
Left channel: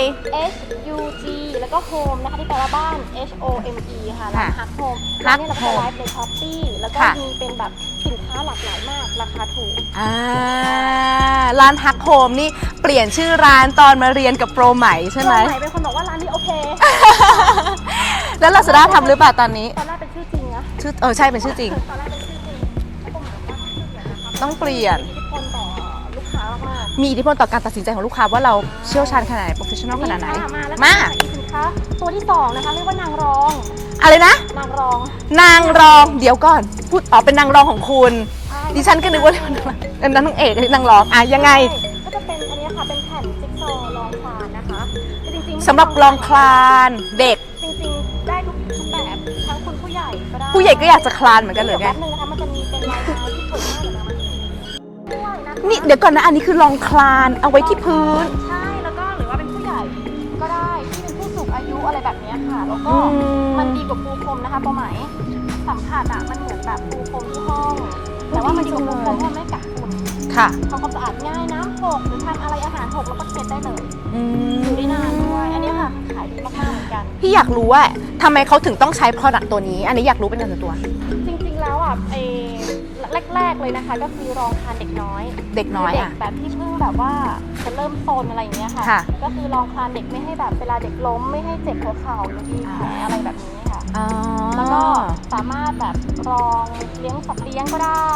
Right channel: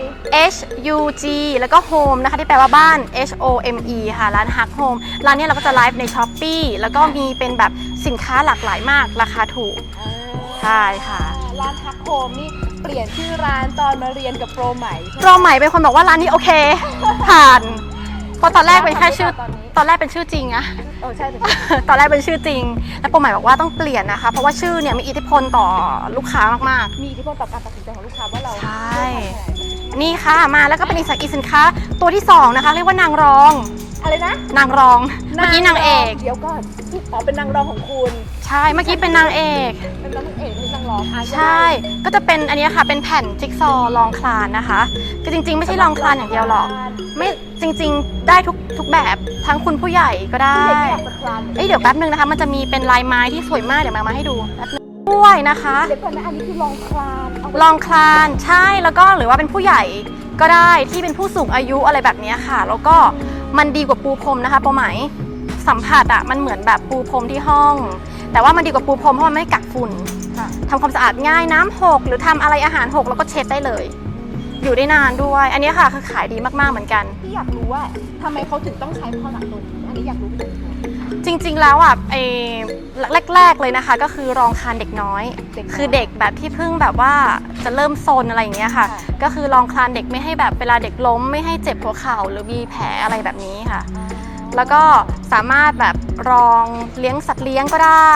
H U G แล้วก็ Home นะคะ ที่แปลว่าบ้าน H O M E ค่ะ ร้าน Hug Home ร้านเนี้เราก็จะไลฟ์ในช้อปปีแล้วก็ค่ะ มีเป็นแบบสินค้าหลากหลายมากราคาถูกอ่าใช่ค่ะ ร้านฮักโฮมนี่เปลี่ยนชื่อร้านตอนมาเรียนกับโปรใหม่ใช่ไหม โปรใหม่เป็นคนบอกว่าร้านนี้โอเคผ่าน แล้วเราจะได้ทำหรือเปล่าตอนนี้ ตอนแรกเป็นชื่อจริงอะชื่อเออใช่เป็นชื่อจริง ตอนแรกเป็นชื่อจริง แล้วโปรใหม่บอกว่าต้องเปลี่ยนนะคะ เพราะว่าชื่อเนี่ยมีอิทธิพลต่อลูกค้ามากมีอิทธิพลต่อการตัดสินใจของลูกค้าว่าเราใช่เชี่ยวชาญขนาดไหน professional ๆนี่ขนาดไหค่ะ มาแล้วก็มามีอีกสินค้าตัวที่สองนะคะเรียกว่านางรอง อะไรนะ นางรอง นางรองเอกเดี๋ยวก่อนพูดอ๋อเป็นนางรองของคุณ ใช่ไม่ใช่เป็นนางเอกเป็นนางเอกนางรองอะยังไงใช่ก็จะเป็นอันนี้ค่ะเป็นแผ่นจิ๊กซอว์รองคลานนะคะคือจริงๆไม่ใช่สำหรับรองคลานรองคลานอย่างเด็เด็กก จริง ๆ ได้ทุกทุกแบบทั้งคุณผู้ใหญ่ก็ได้ผู้ใหญ่ก็อยากจะคลานเหมือนกันนี่เดี๋ยวแป๊บนึงนะคะ มันจะมีเป็นลายไม้ที่สวยมากเดี๋ยวมามาให้ดูแป๊บนึงด้วยนะคะนี่เดี๋ยวก่อนนะอันนี้คือลองคลานเอาไว้ลองที่คลานใช่แล้วก็หรือว่าเป็นผู้ใหญ่ก็ได้ที่เป็นผู้สูงอายุอะไรแบบเนี้ยค่ะ แล้วก็มันดีกว่าปูพรมนะคะเป้าหมายสัมผัสอะมันเหมือนแบบปูพรมที่ห้อง แต่ว่ามันดีกว่าปูพรมเพราะมันไม่กักฝุ่นค่ะทำความสะอาดง่ายน้ำหกหรือทำอะไรอาหารหกแล้วก็เช็ดได้เลย อยู่ได้นานด้วย อันนี้ค่ะคือขายดีมากๆเหมือนกัน พี่อยากรู้ว่าทำไมเขาถึงต้องใช้ product ตัวนี้ อันนี้อยากรู้เป็นส่วนตัว จริงๆแล้วอะไอ้แรก ๆเลยนะคะ ก็คือรองคลานเด็กน้อย เด็กน้อยคือเด็กอะแบบที่เพิ่งแบบว่าจะเริ่มโซนอะไรอย่างเงี้ยค่ะ ค่ะ ก็คือรองคลานเด็กไม่ให้แบบเวลาเด็กล้มไม่ให้เจ็บหัวเข่าหรือมีแผลอะไรแบบนี้ค่ะ แล้วก็สามารถแบบรองเลี้ยงสัตว์เลี้ยงก็ได้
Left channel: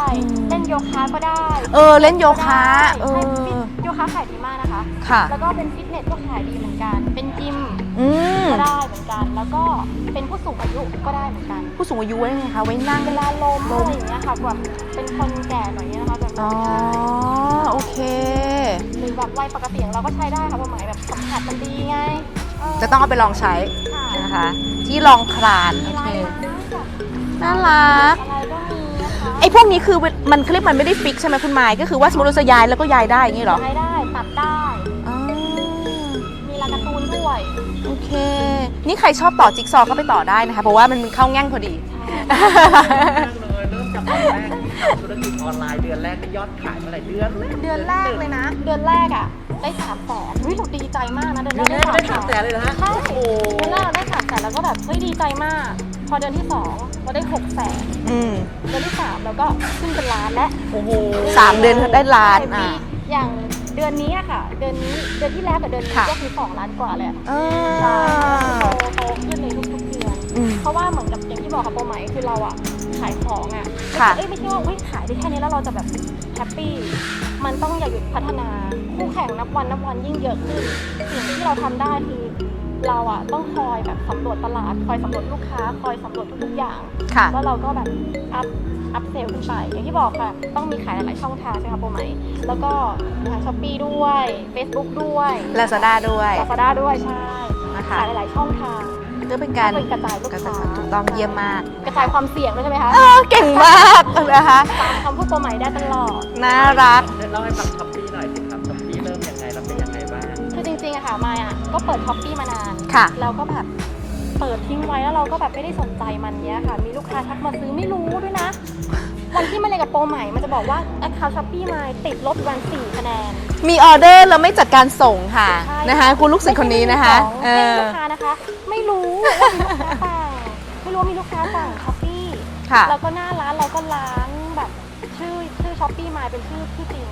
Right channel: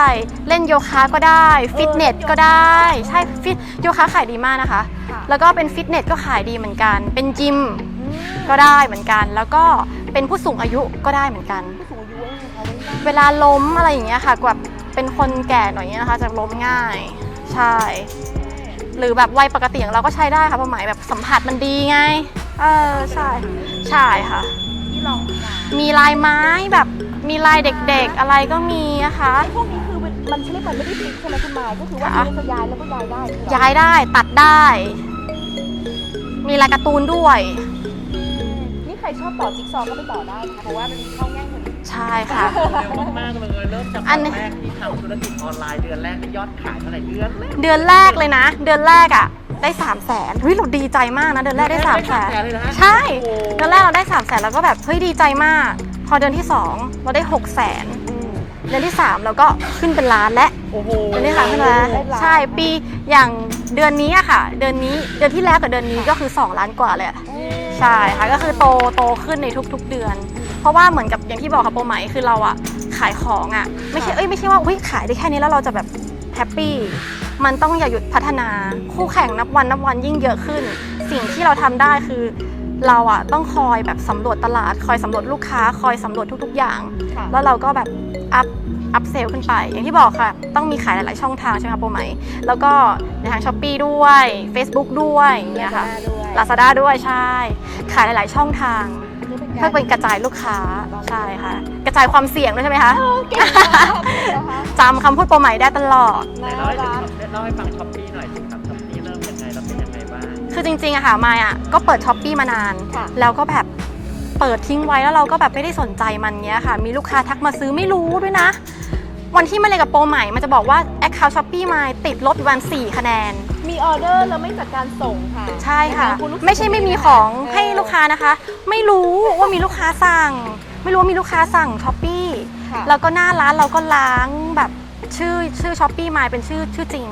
เล่นโยคะก็ได้เอฟิตอเนเล่สนโยก็คะได้ใช่เออฟิตโยคะขายดีมากนะคะ ค่ะ แล้วก็เป็นฟิตเนสก็ขายดีเหมือนกัน เป็นจิมอืมก็ได้เหมือนกัน แล้วก็เป็นผู้สูงอายุก็ได้เหมือนกัน ผู้สูงอายุไว้ไงคะไว้นั่งเวลาล้มอะไรอย่างเงี้ยค่ะแบบเป็นคนแก่หน่อยเนี่ยนะคะจะล้มง่ายใช่ โอเคหรือแบบวัยปกติอย่างเราก็ใช้ได้ค่ะความหมายแบบสัมผัสมันดีไงจะต้องเอาไปลองใช้ ใช่ค่ะ ที่ลองคลาน มีลายไม้แบบมีลายน่ารัเด็กกๆ อะไรก็มีนะคะไอ้พวกนี้คือมันเขาเรียกมันไม่ได้ฟิกใช่ไหมคุณไม้ก็คือว่าสมมติเราจะย้ายแล้วก็ย้ายได้อย่างนี้เหรอย้ายได้ตัดได้อ๋อมีลายการ์ตูนด้วยโอเค นี่ใครชอบต่อจิ๊กซอว์ก็ไปต่อได้นะคะ เพราะว่ามันเข้าแง่งพอดีใช่ค่ะมากเลยเริ่มทำอันนี้แรกที่ทำธุรกิจออนไลน์เดือนแรกที่ยอดขายเท่าไหร่เดือนเดือนแรกเลยนะ เดือนแรกอะ ได้3ามแสนเฮ้ยเราดีใจมากนะเดือนแรกได้3ามแสนเลยนะฮะใช่เดือนแรกเราได้3ามแสนแล้วก็แบบเฮ้ยดีใจมาก พอเดือนที่ 2 เราได้6กแสนอืมเดือนที่ 3 เราก็ขึ้นเป็นล้านและโอ้โหดืที่สามเดือนได้ล้านใช่อะปีอย่างเดือนนี้อะค่ะ เดือนนี้เดือนที่แล้วกับเดือนนี้ค่ะก็คือ 2 ล้านกว่าเลยอะอ่าใช่ค่ะก็คือโตโตขึ้นในทุก ๆเดือนอืมเพราะว่าเหมือนกับอย่างที่บอกค่ะโปรไหมคือเราอะขายของอะไม่ใช่ค่ะเอ้ยไม่ใช่ว่าอุ้ยขายได้แค่นี้แล้วเราจะแบบแฮปปี้ มันต้องอย่าหยุดพัฒนา คู่แข่งนับวันนับวันยิ่งเยอะขึ้น สิ่งที่เราทำได้คือเราอะต้องคอยแบบสำรวจตลาด คอยสำรวจลูกค้า คอยสำรวจทุก ๆ อย่างค่ะแล้วเราก็แบบอัพอัพเซลขึ้นไป อย่างที่บอกค่ะ ต้องมีขายหลาย ๆ ช่องทางใช่ไหมคะโปรไหม แล้วก็ในทางช้อปปีด้วย Facebook ด้วยลาซาด้าด้วยลาซาด้าด้วยใช่นะคะขายหลาย ๆ ช่องทาง เพื่อเป็นเพื่การอเป็นกระจายลูกค้าต้องใช่ เยี่ยมมาก กระจายความเสี่ยงด้วยใช่ไหมคะเก่งมากนะคะจำคำพูดโปรไหมได้ตลอดน่ารัก เล่าให้ฟังช้อปปี้หน่อยสิครับช้อปปี้เริ่มยังไงแล้วเป็นยังไงบ้าง คือจริงๆอะค่ะมายอะก็เปิดช้อปปีมานานค่ะ แล้วก็แบบเปิดทิ้งไว้แล้วเราก็แบบไม่ได้สนใจมันเนี้ยค่ะ มีลูกค้าทักมาซื้อไม่รู้ด้วยนะ วันที่มาเลยนกับโปรใหม่ มันจะบอกว่า Account Shopee มาติดลบอยู่วัน4คะแนน มีออเดอร์แล้วไม่จัดการส่งค่ะใช่นะคะคุณลูกศิษย์คนนี้นะคะ ไม่ใช่ไม่มีของให้เออลูกค้านะคะ ไม่รู้ว่ามีลูกค้าสั่ง ไม่รู้ว่ามีลูกค้าสั่งช้อปปี้ค่ะ แล้วก็หน้าร้านเราก็ล้างแบบชื่อชื่อช้อปปี้มาเป็นชื่อชื่อจริง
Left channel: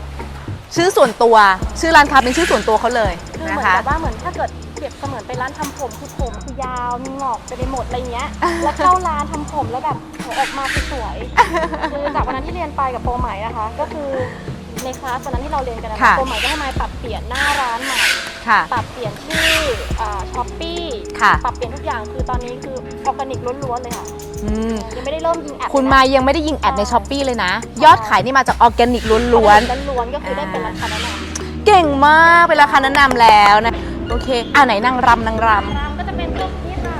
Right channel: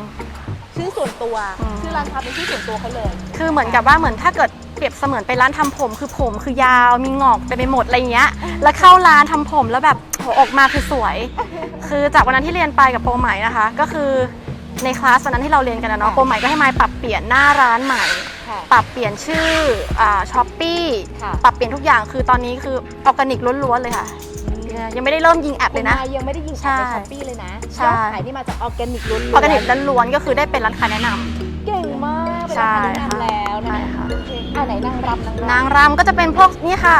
ชื่อส่วนตัวอืมชื่อร้านค้าเป็นชื่อส่วนตัวเขาเลยคือเหมือนนะะกับว่าเหมือนถ้าเกิดเป รียบเสมือนไปร้านทำผม คือผมคือยาวมีงอกไปไปหมดอะไรเงี้ย แล้วเข้าร้านทำผมแล้วแบบโหออกมาคือสวย คือจากวันนั้นที่เรียนไปกับโปรใหม่นะคะ ก็คือในคลาสวันนั้นที่เราเรียนกันนะเนาะค่ะโปรใหม่ก็ให้มายปรับเปลี่ยนหน้าร้านใหม่ค่ะปรับเปลี่ยนชื่อช้อปปี้ค่ะปรับเปลี่ยนทุกอย่างคือตอนนี้คือออร์แกนิกล้วนๆเลยค่ะอืมยังไม่ได้เริ่มยิงแอดคุณเลยมานะยังไม่ได้ยิงแอดในใช่ช้อปปีเลยนะใช่ยอดขายนี่มาจากออร์แกนิกล้ออร์แกวนินกล้วนๆก็คือได้เป็นร้านค้าแนะนำๆเก่งมากเป็นราคาแนะนำแล้วนะใช่ค่ะ โอเค อ่าไหนนางรำนางรนางรำก็จะเป็นพวกนี่ค่ะ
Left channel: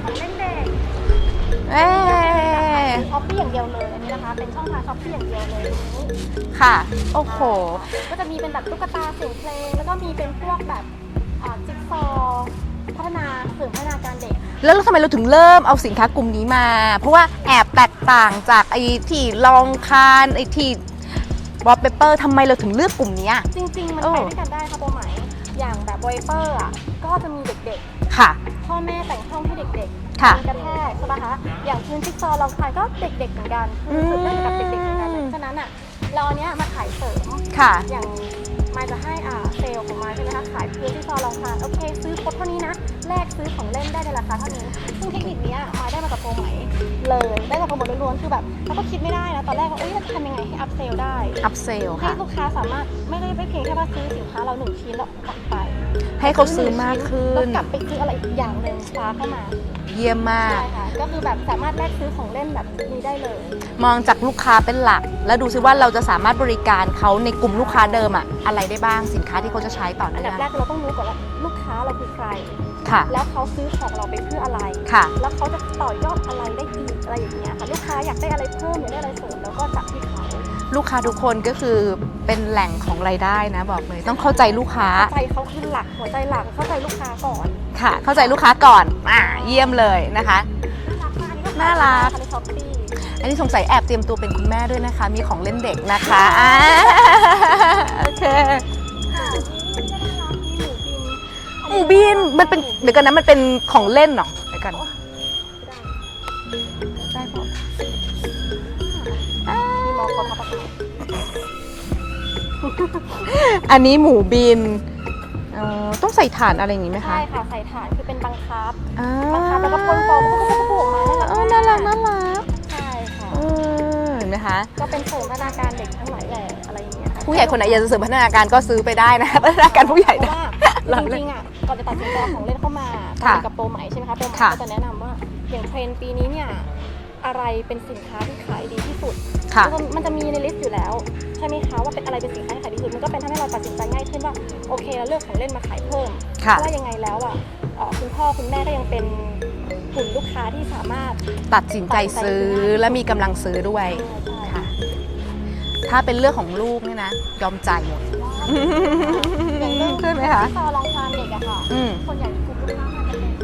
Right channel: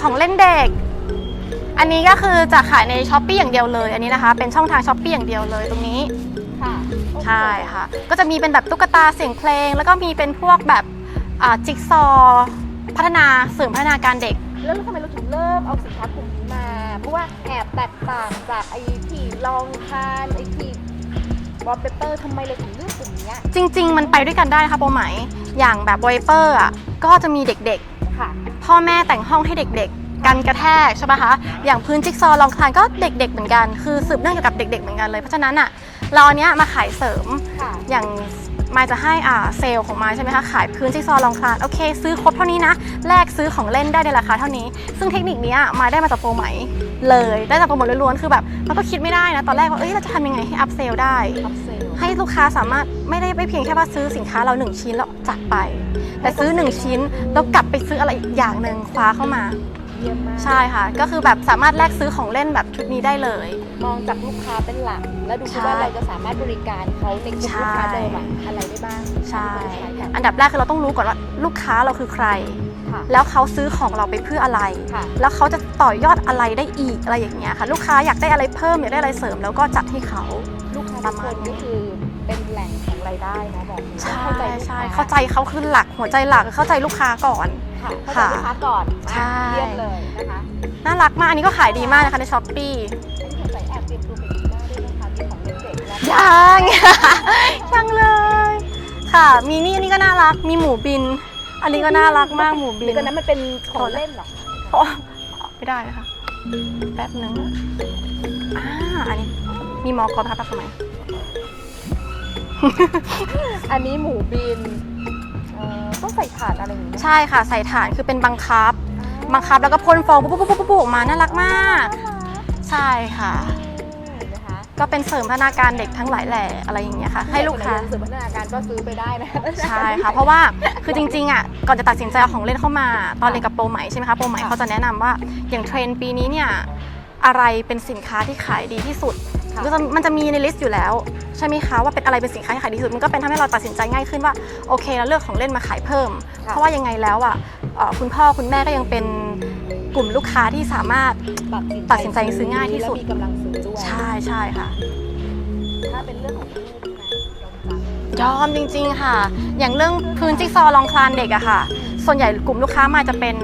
ของเล่นเด็กำอันนี้ก็คือจะขายในช้อปปี้อย่างเดียวเลย อันนี้นะคะ เป็นช่องทางช้อปปี้อย่างเดียวเลยตรงนี้ค่ะโอ้โหใช่ค่ะ ก็จะมีเป็นแบบตุ๊กตาเสียงเพลง แล้วก็มีเป็นพวกแบบอ่าจิ๊กซอว์พัฒนาเสริมพัฒนาการเด็ก แล้วทำไมเราถึงเริ่มเอาสินค้ากลุ่มนี้มา เพราะว่าแอบแตกต่างจากไอ้ที่ลองทานไอ้ที่วอลเปเปอร์ทำไมเราถึงเลือกกลุ่มเนี้ย จริง ๆ มันโอ้ ไปด้วยกันได้นะคะโปรไหม อย่างแบบวอลเปอร์อะก็จะมีเด็กค่ะ ๆ พ่อแม่แต่งห้องให้เด็กๆค่ะ กันกระแทกใช่ปะคะอย่างพื้นจิ๊กซอว์ลองคลานก็เด็ก ๆ เหมือนกันคือสืบเนื่องเกี่ยวกับเด็ก ๆ เหมือนกันเลยเพราะฉะนั้นอะเราอันเนี้ยมาขายเสริม ค่ะ อย่างมายจะให้อ่าเซลล์ของมายใช่ไหมคะขายพื้นจิ๊กซอว์ลองคลานโอเค ซื้อครบเท่านี้นะแลกซื้อของเล่นได้ในราคาเท่านี้ ซึ่งเทคนิคเนี้ยมายได้มาจากโปรไหม เลยได้จากโปรโมทล้วนๆคือแบบเราก็คิดไม่ได้นะตอนแรกว่าเอ้ยเราจะทำยังไงให้อัพเซลได้ อัพเซลให้ลูกค้าสามารถไม่ได้ไม่เพียงแค่ว่าซื้อสินค้าเราหนึ่งชิ้นแล้วจากไปให้ให้เขาซื้อหนึ่งซื้อมากชิ้นขึ้น แล้วกลับไปซื้ออะไรอีกอย่างหนึ่งคว้าเข้ามาเยี่ยมมากใช่ค่ะ ก็คือแบบสามารถแลกซื้อของเล่นแบบชุดนี้ได้เลย มองจากลูกค้าเป็นหลัก แล้วดูซิใช่ว่าเราจะสามารถบริการเขาในกลุ่มใช่ลูกค้าเดิมอะอะไรได้บ้างสินค้าที่เขาจะใช้ก่อนอันดับแรกคือเราต้องรู้ก่อนว่าลูกค้าเราคือใคร ค่ะ แล้วเขาซื้อของเราไปเพื่ออะไรค่ะ แล้วเขาจะต่อยอดอะไรได้อีกอะไรอย่างเงี้ยค่ะ ลูกค้าอยากได้อะไรเพิ่มอยากได้อะไรเสริมแล้วก็จัดให้เขา ลูกค้าทุกคนก็คือเป็นแหล่งของรายได้นะบอกเลยต้องเข้าใจลูกค้าเข้าใจเขาคือหลักหัวใจหลักเข้าใจลูกค้าก่อนค่ะ เข้าใจลูกค้าก่อนอะใช่เยี่ยมเลยนะคะ น่ารักมากอันนี้ก็ขายดีมากนะคะในช้อปปี้อันนี้สงสัยแอบเตรียมตัวเป็นคุณแม่ด้วยนะคะ มีของเล่นเด็กนะคะใช่โอเคค่ะ มีนี่นี่ก็น่ารักมีหมูบิน อันนี้ก็บิน่านรักมัมานกเป็นหมูบินเดี๋ยวกันนะมันเป็นของเล่นเหรอเดี๋ยวกันโอ้ไม่ได้นะคะแป๊บนึงอ่าอันนี้มีมอกรพับทำไมอันนี้หมูบินอ๋อต้องใส่ถ่านอะไรอย่างนี้ไหมคะใช่ค่ะใส่ถ่านคือเป็นบังคับอ่าบังคับแล้วก็พ่นฟองปุ๊บปุ๊บปุ๊บปุ๊บออกมาน่ารักมาก น่ารักน่ารักใช่ค่ะเออ นะคะ ก็เป็นเสริมพัฒนาการเด็กทั้งหลายแหล่อะไรอย่างเงี้ยค่ะผู้ใหญ่คนไหนอยากจะเสริมพัฒนาการก็ซื้อไปได้นะคะพัฒนาการผู้ใหญ่ช่ค่ะเพราะว่าคือจริงๆอะก่อนจะตัดสินใจเอาของเล่นเข้ามาตอนเรียนกับโปรใหม่ใช่ไหมคะโปรใหม่ค่ะเขาจะแนะนำว่าอย่างเทรนด์ปีนี้เนี่ยอะไรเป็นสินค้าที่ขายดีที่สุดค่ะมันจะมันจะมีในลิสต์อยู่แล้วใช่ไหมคะว่าเป็นอะไรเป็นสินค้าที่ขายดีที่สุดมันก็เป็นทำให้เราตัดสินใจง่ายขึ้นว่าโอเคเราเลือกของเล่นมาขายเพิ่มค่ะเพราะว่ายังไงแล้วอะเอ่อคุณพ่อคุณแม่ก็ยังเป็น กลุ่มลูกค้าที่สามารถ ตัดสินใจตัดสินใจซื้ซื้ออง่ายที่สุด และมีกำลังซื้อด้วย ใช่ใช่ค่ะ ถ้าเป็นเรื่องของลูกนี่นะ ยอมจ่ายหมด ยอมจริงๆค่ะ อย่างเรื่องขึ้นไหมพื้นคะจิ๊กซอว์ลองคลานเด็กอะค่ะ อืม ส่วนใหญ่กลุ่มลูกค้ามาจะเป็น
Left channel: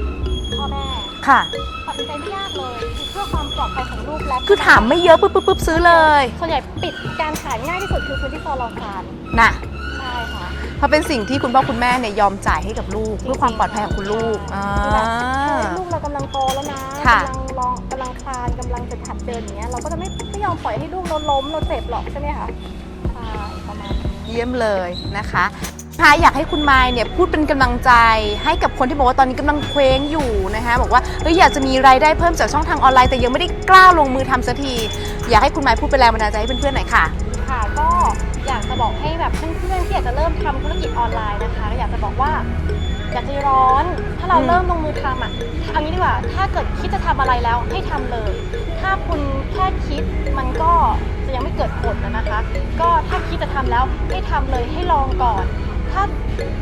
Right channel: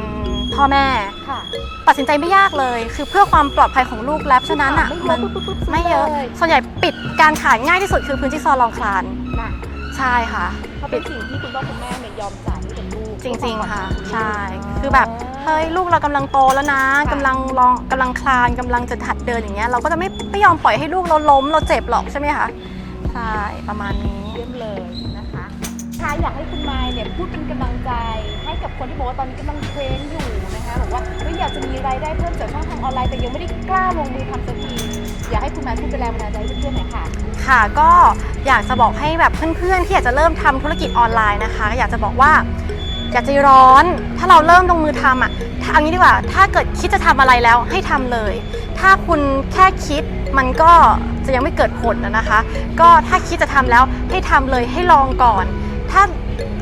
พ่อแม่ ค่ะ ตัดสินใจไม่ยากเลย คือเพื่อความปลอดภัยของลูกและคือผู้ถามนำไม่เยอะปุ๊บปุ๊บปุ๊บซื้อไม่เลเยอะย ส่วนใหญ่ปิดการขายง่ายที่สุดคือพื้นที่ซอลองคลาน น่ะ ใช่ค่ะเพราะเป็นสิ่งที่คุณพ่อคุณแม่เนี่ยยอมจ่ายให้กับลูกจเพื่อความริงปลอดๆภัยค่ะของคุณลูก ใช่าคือแบบเฮ้ยลูกเรากำลังโตแล้วนะค่ะ กำลังลองกำลังคลานกำลังจะหัดเดินอย่างเงี้ยเราก็จะไม่ไม่ยอมปล่อยให้ลูกเราล้มเราเจ็บหรอกใช่ไหมคะ ใช่ประมาณนี้เยี่ยมเลยนะคะค่ะอยากให้คุณไมายเนี่ยพูดเป็นกำลังใจให้กับคนที่บอกว่าตอนนี้กำลังเคว้งอยู่นะคะบอกว่าเฮ้ยอยากจะมีรายได้เพิ่มจากช่องทางออนไลน์แต่ยังไม่ได้กล้าลงมือทำสักที อยากให้คุณไมายพูดเป็นแรงบันดาลใจให้เพื่อนๆหน่อยค่ะ ค่ะก็อยากจะบอกให้แบบเพื่อนๆที่อยากจะเริ่มทำธุรกิจออนไลน์นะคะ อยากจะบอกว่าอย่าใจร้อน ถ้าเราเริ่มลงมือทำอะถ้าเอางี้ดีกว่า ถ้าเกิดคิดจะทำอะไรแล้วให้ทำเลย ถ้าคุณแค่คิดมันก็จะยังไม่เกิดผลนะนะคะ ก็ถ้าคิดจะทำแล้วให้ทำเลยให้ลองก่อน ถ้า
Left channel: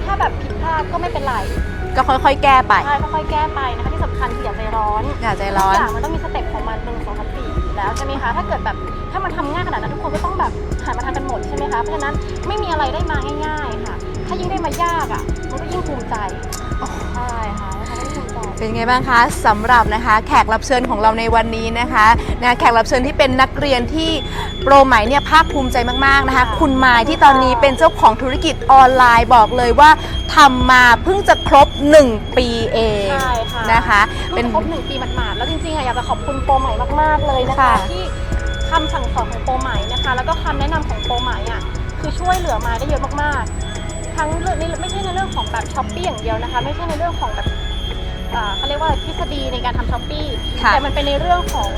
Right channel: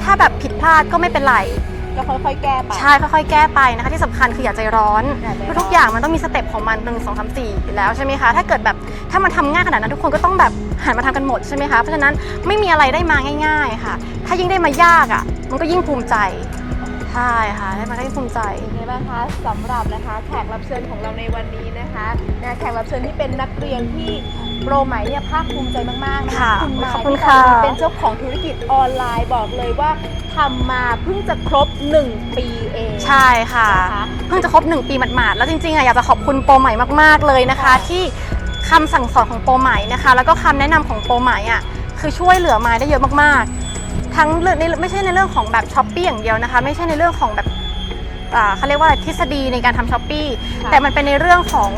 ถ้าแบบผิดพลาดก็ไม่เป็นไร ก็ค่อยๆ แก้ไป ใช่ค่อยๆแก้ไปนะคะที่สำคัญคืออย่าใจร้อนอย่าใจร้อน ทุกอย่างมันต้องมีสเต็ปของมันหนึ่งสองสามสี่ แล้วใช่ไหมคะ ถ้าเกิดแบบถ้ามันทำง่ายขนาดนั้นทุกคนก็ต้องแบบหันมาทำกันหมดใช่ไหมคะ เพราะฉะนั้นไม่มีอะไรได้มาง่าย ๆ ค่ะ ถ้ายิ่งได้มายากอะ มันก็ยิ่งภูมิใจ ใช่ค่ะได้มาได้ภูมิใจ เป็นไงบ้างคะสำหรับนะคะ แขกรับเชิญของเราในวันนี้นะคะนะแขกรับเชิญที่เป็นนักเรียนที่โปรไหมเนี่ยภาคภูมิใจมากๆนะคะ ค่ะคุณมายขอบคุณที่ตอนนี้ค่ะ เป็นเจ้าของธุรกิจออนไลน์บอกเลยว่าทำมาเพิ่งจะครบ 1 ปีเองใช่ค่ะนะคะเพิ่งจะครบหนึ่งปีหมาดๆแล้วจริงๆอะอยากจะขอบคุณโปรใหม่มากๆเลยนะคะ ค่ะ ที่คำสั่งสอนของโปรใหม่นะคะ แล้วก็คำแนะนำของโปรใหม่อะคือช่วยเหลือมาได้เยอะมากๆ ทั้งเรื่องในไม่ใช่ในเรื่องของแบบช้อปปี้อย่างเดียวนะคะ ไม่ใช่ในเรื่องของแบบอ่าเขาเรียกว่าอะไรทฤษฎีในการทำช้อปปี้ค่ะแต่มันเป็นในเรื่องของ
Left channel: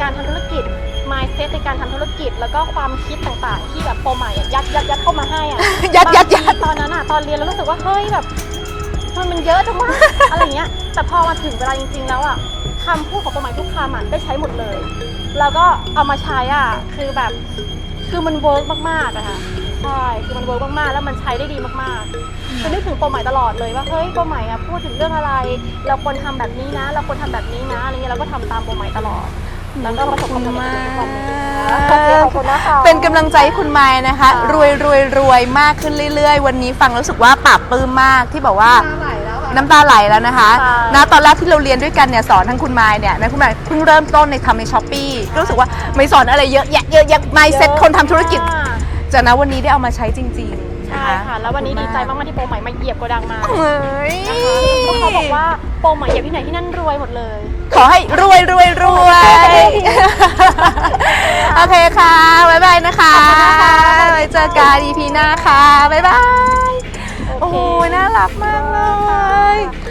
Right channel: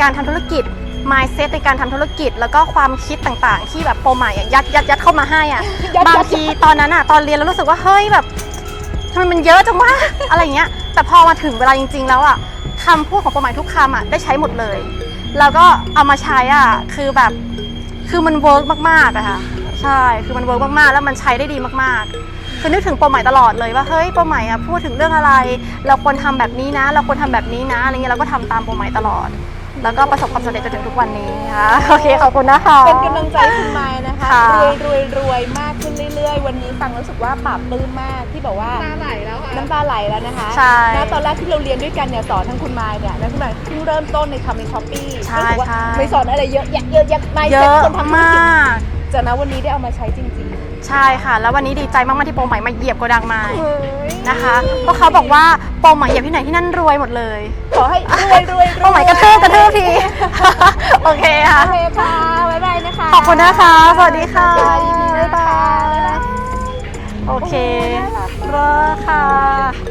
การทำธุรกิจ mindset ในการทำธุรกิจ แล้วก็ความคิดต่างๆ ที่แบบโปรใหม่อะยัดยัดยัดเข้ามาให้อะยัดบางยัดทีตอนนั้นอะตอนเรียนแล้วรู้สึกว่าเฮ้ยแบบทำไมมันเยอะจังวะ อะไรเงี้ย แต่พอมาถึงเวลาจริง ๆ แล้วอะคำพูดของโปรใหม่ทุกคำอะได้ใช้หมดเลย แล้วก็เอามาใช้อะคือแบบ คือมันเวิร์กมากๆอะค่ะ ใช่ คือมันเวิร์กมากๆ แล้วมันใช้ได้ดีมากๆ คือนึกถึงโปรใหม่ตลอดเลยว่า เฮ้ยโปรใหม่อะพูดถึงเรื่องอะไร เราควรทำแบบนี้นะ เราควรทำแบบนี้นะ อะไรเงี้ยเราก็ทำตามโปรใหม่ตลอด แล้วก็ประสบความสำเร็จจนถึงทุกวันนี้นะคะโอเคขอบคุณนะคะ เป็นกำลังใจให้คุณไม้นะคะ ค่ะ รวยรวยรวยมากขึ้นเรื่อยๆ วันนี้ฟังแล้วรู้สึกว่าปราบปลื้มมากที่บอกว่า น้ำตาไหลแล้วนะคะใช่นะตอนแรกที่เราเรียนด้วยกันเนี่ยสอนทั้งคุณไม้เนี่ยนะคุณไม้เพิ่งเริ่มต้นในทำในช้อปปี้ใช่รู้สึกว่าใช่ ไม่สอนอะไรเยอะแยะเยอะแยะไม่เซ็ตคนทำธุรกิจเยอะมากจากนั้นวันนี้ได้เอามาใช้จริงๆใช่ค่ะ แล้ววันนี้ดีใจมากๆที่โปรใหม่มาเหยียบโกดังมาเฮ้ยนะคะเพราะเขาบอกว่าโปรใหม่เหยียบที่ไหนที่นั่นรวยหมดเลย ขอให้รวยรวยรโอ้วย my god กระทืบที โอเคค่ะ โอเคค่ะ บ๊ายบายนะคะขอบคุณนะคะสวัสดีไว้เจอกันค่ะ EP หน้าค่ะ มาก ค่ะ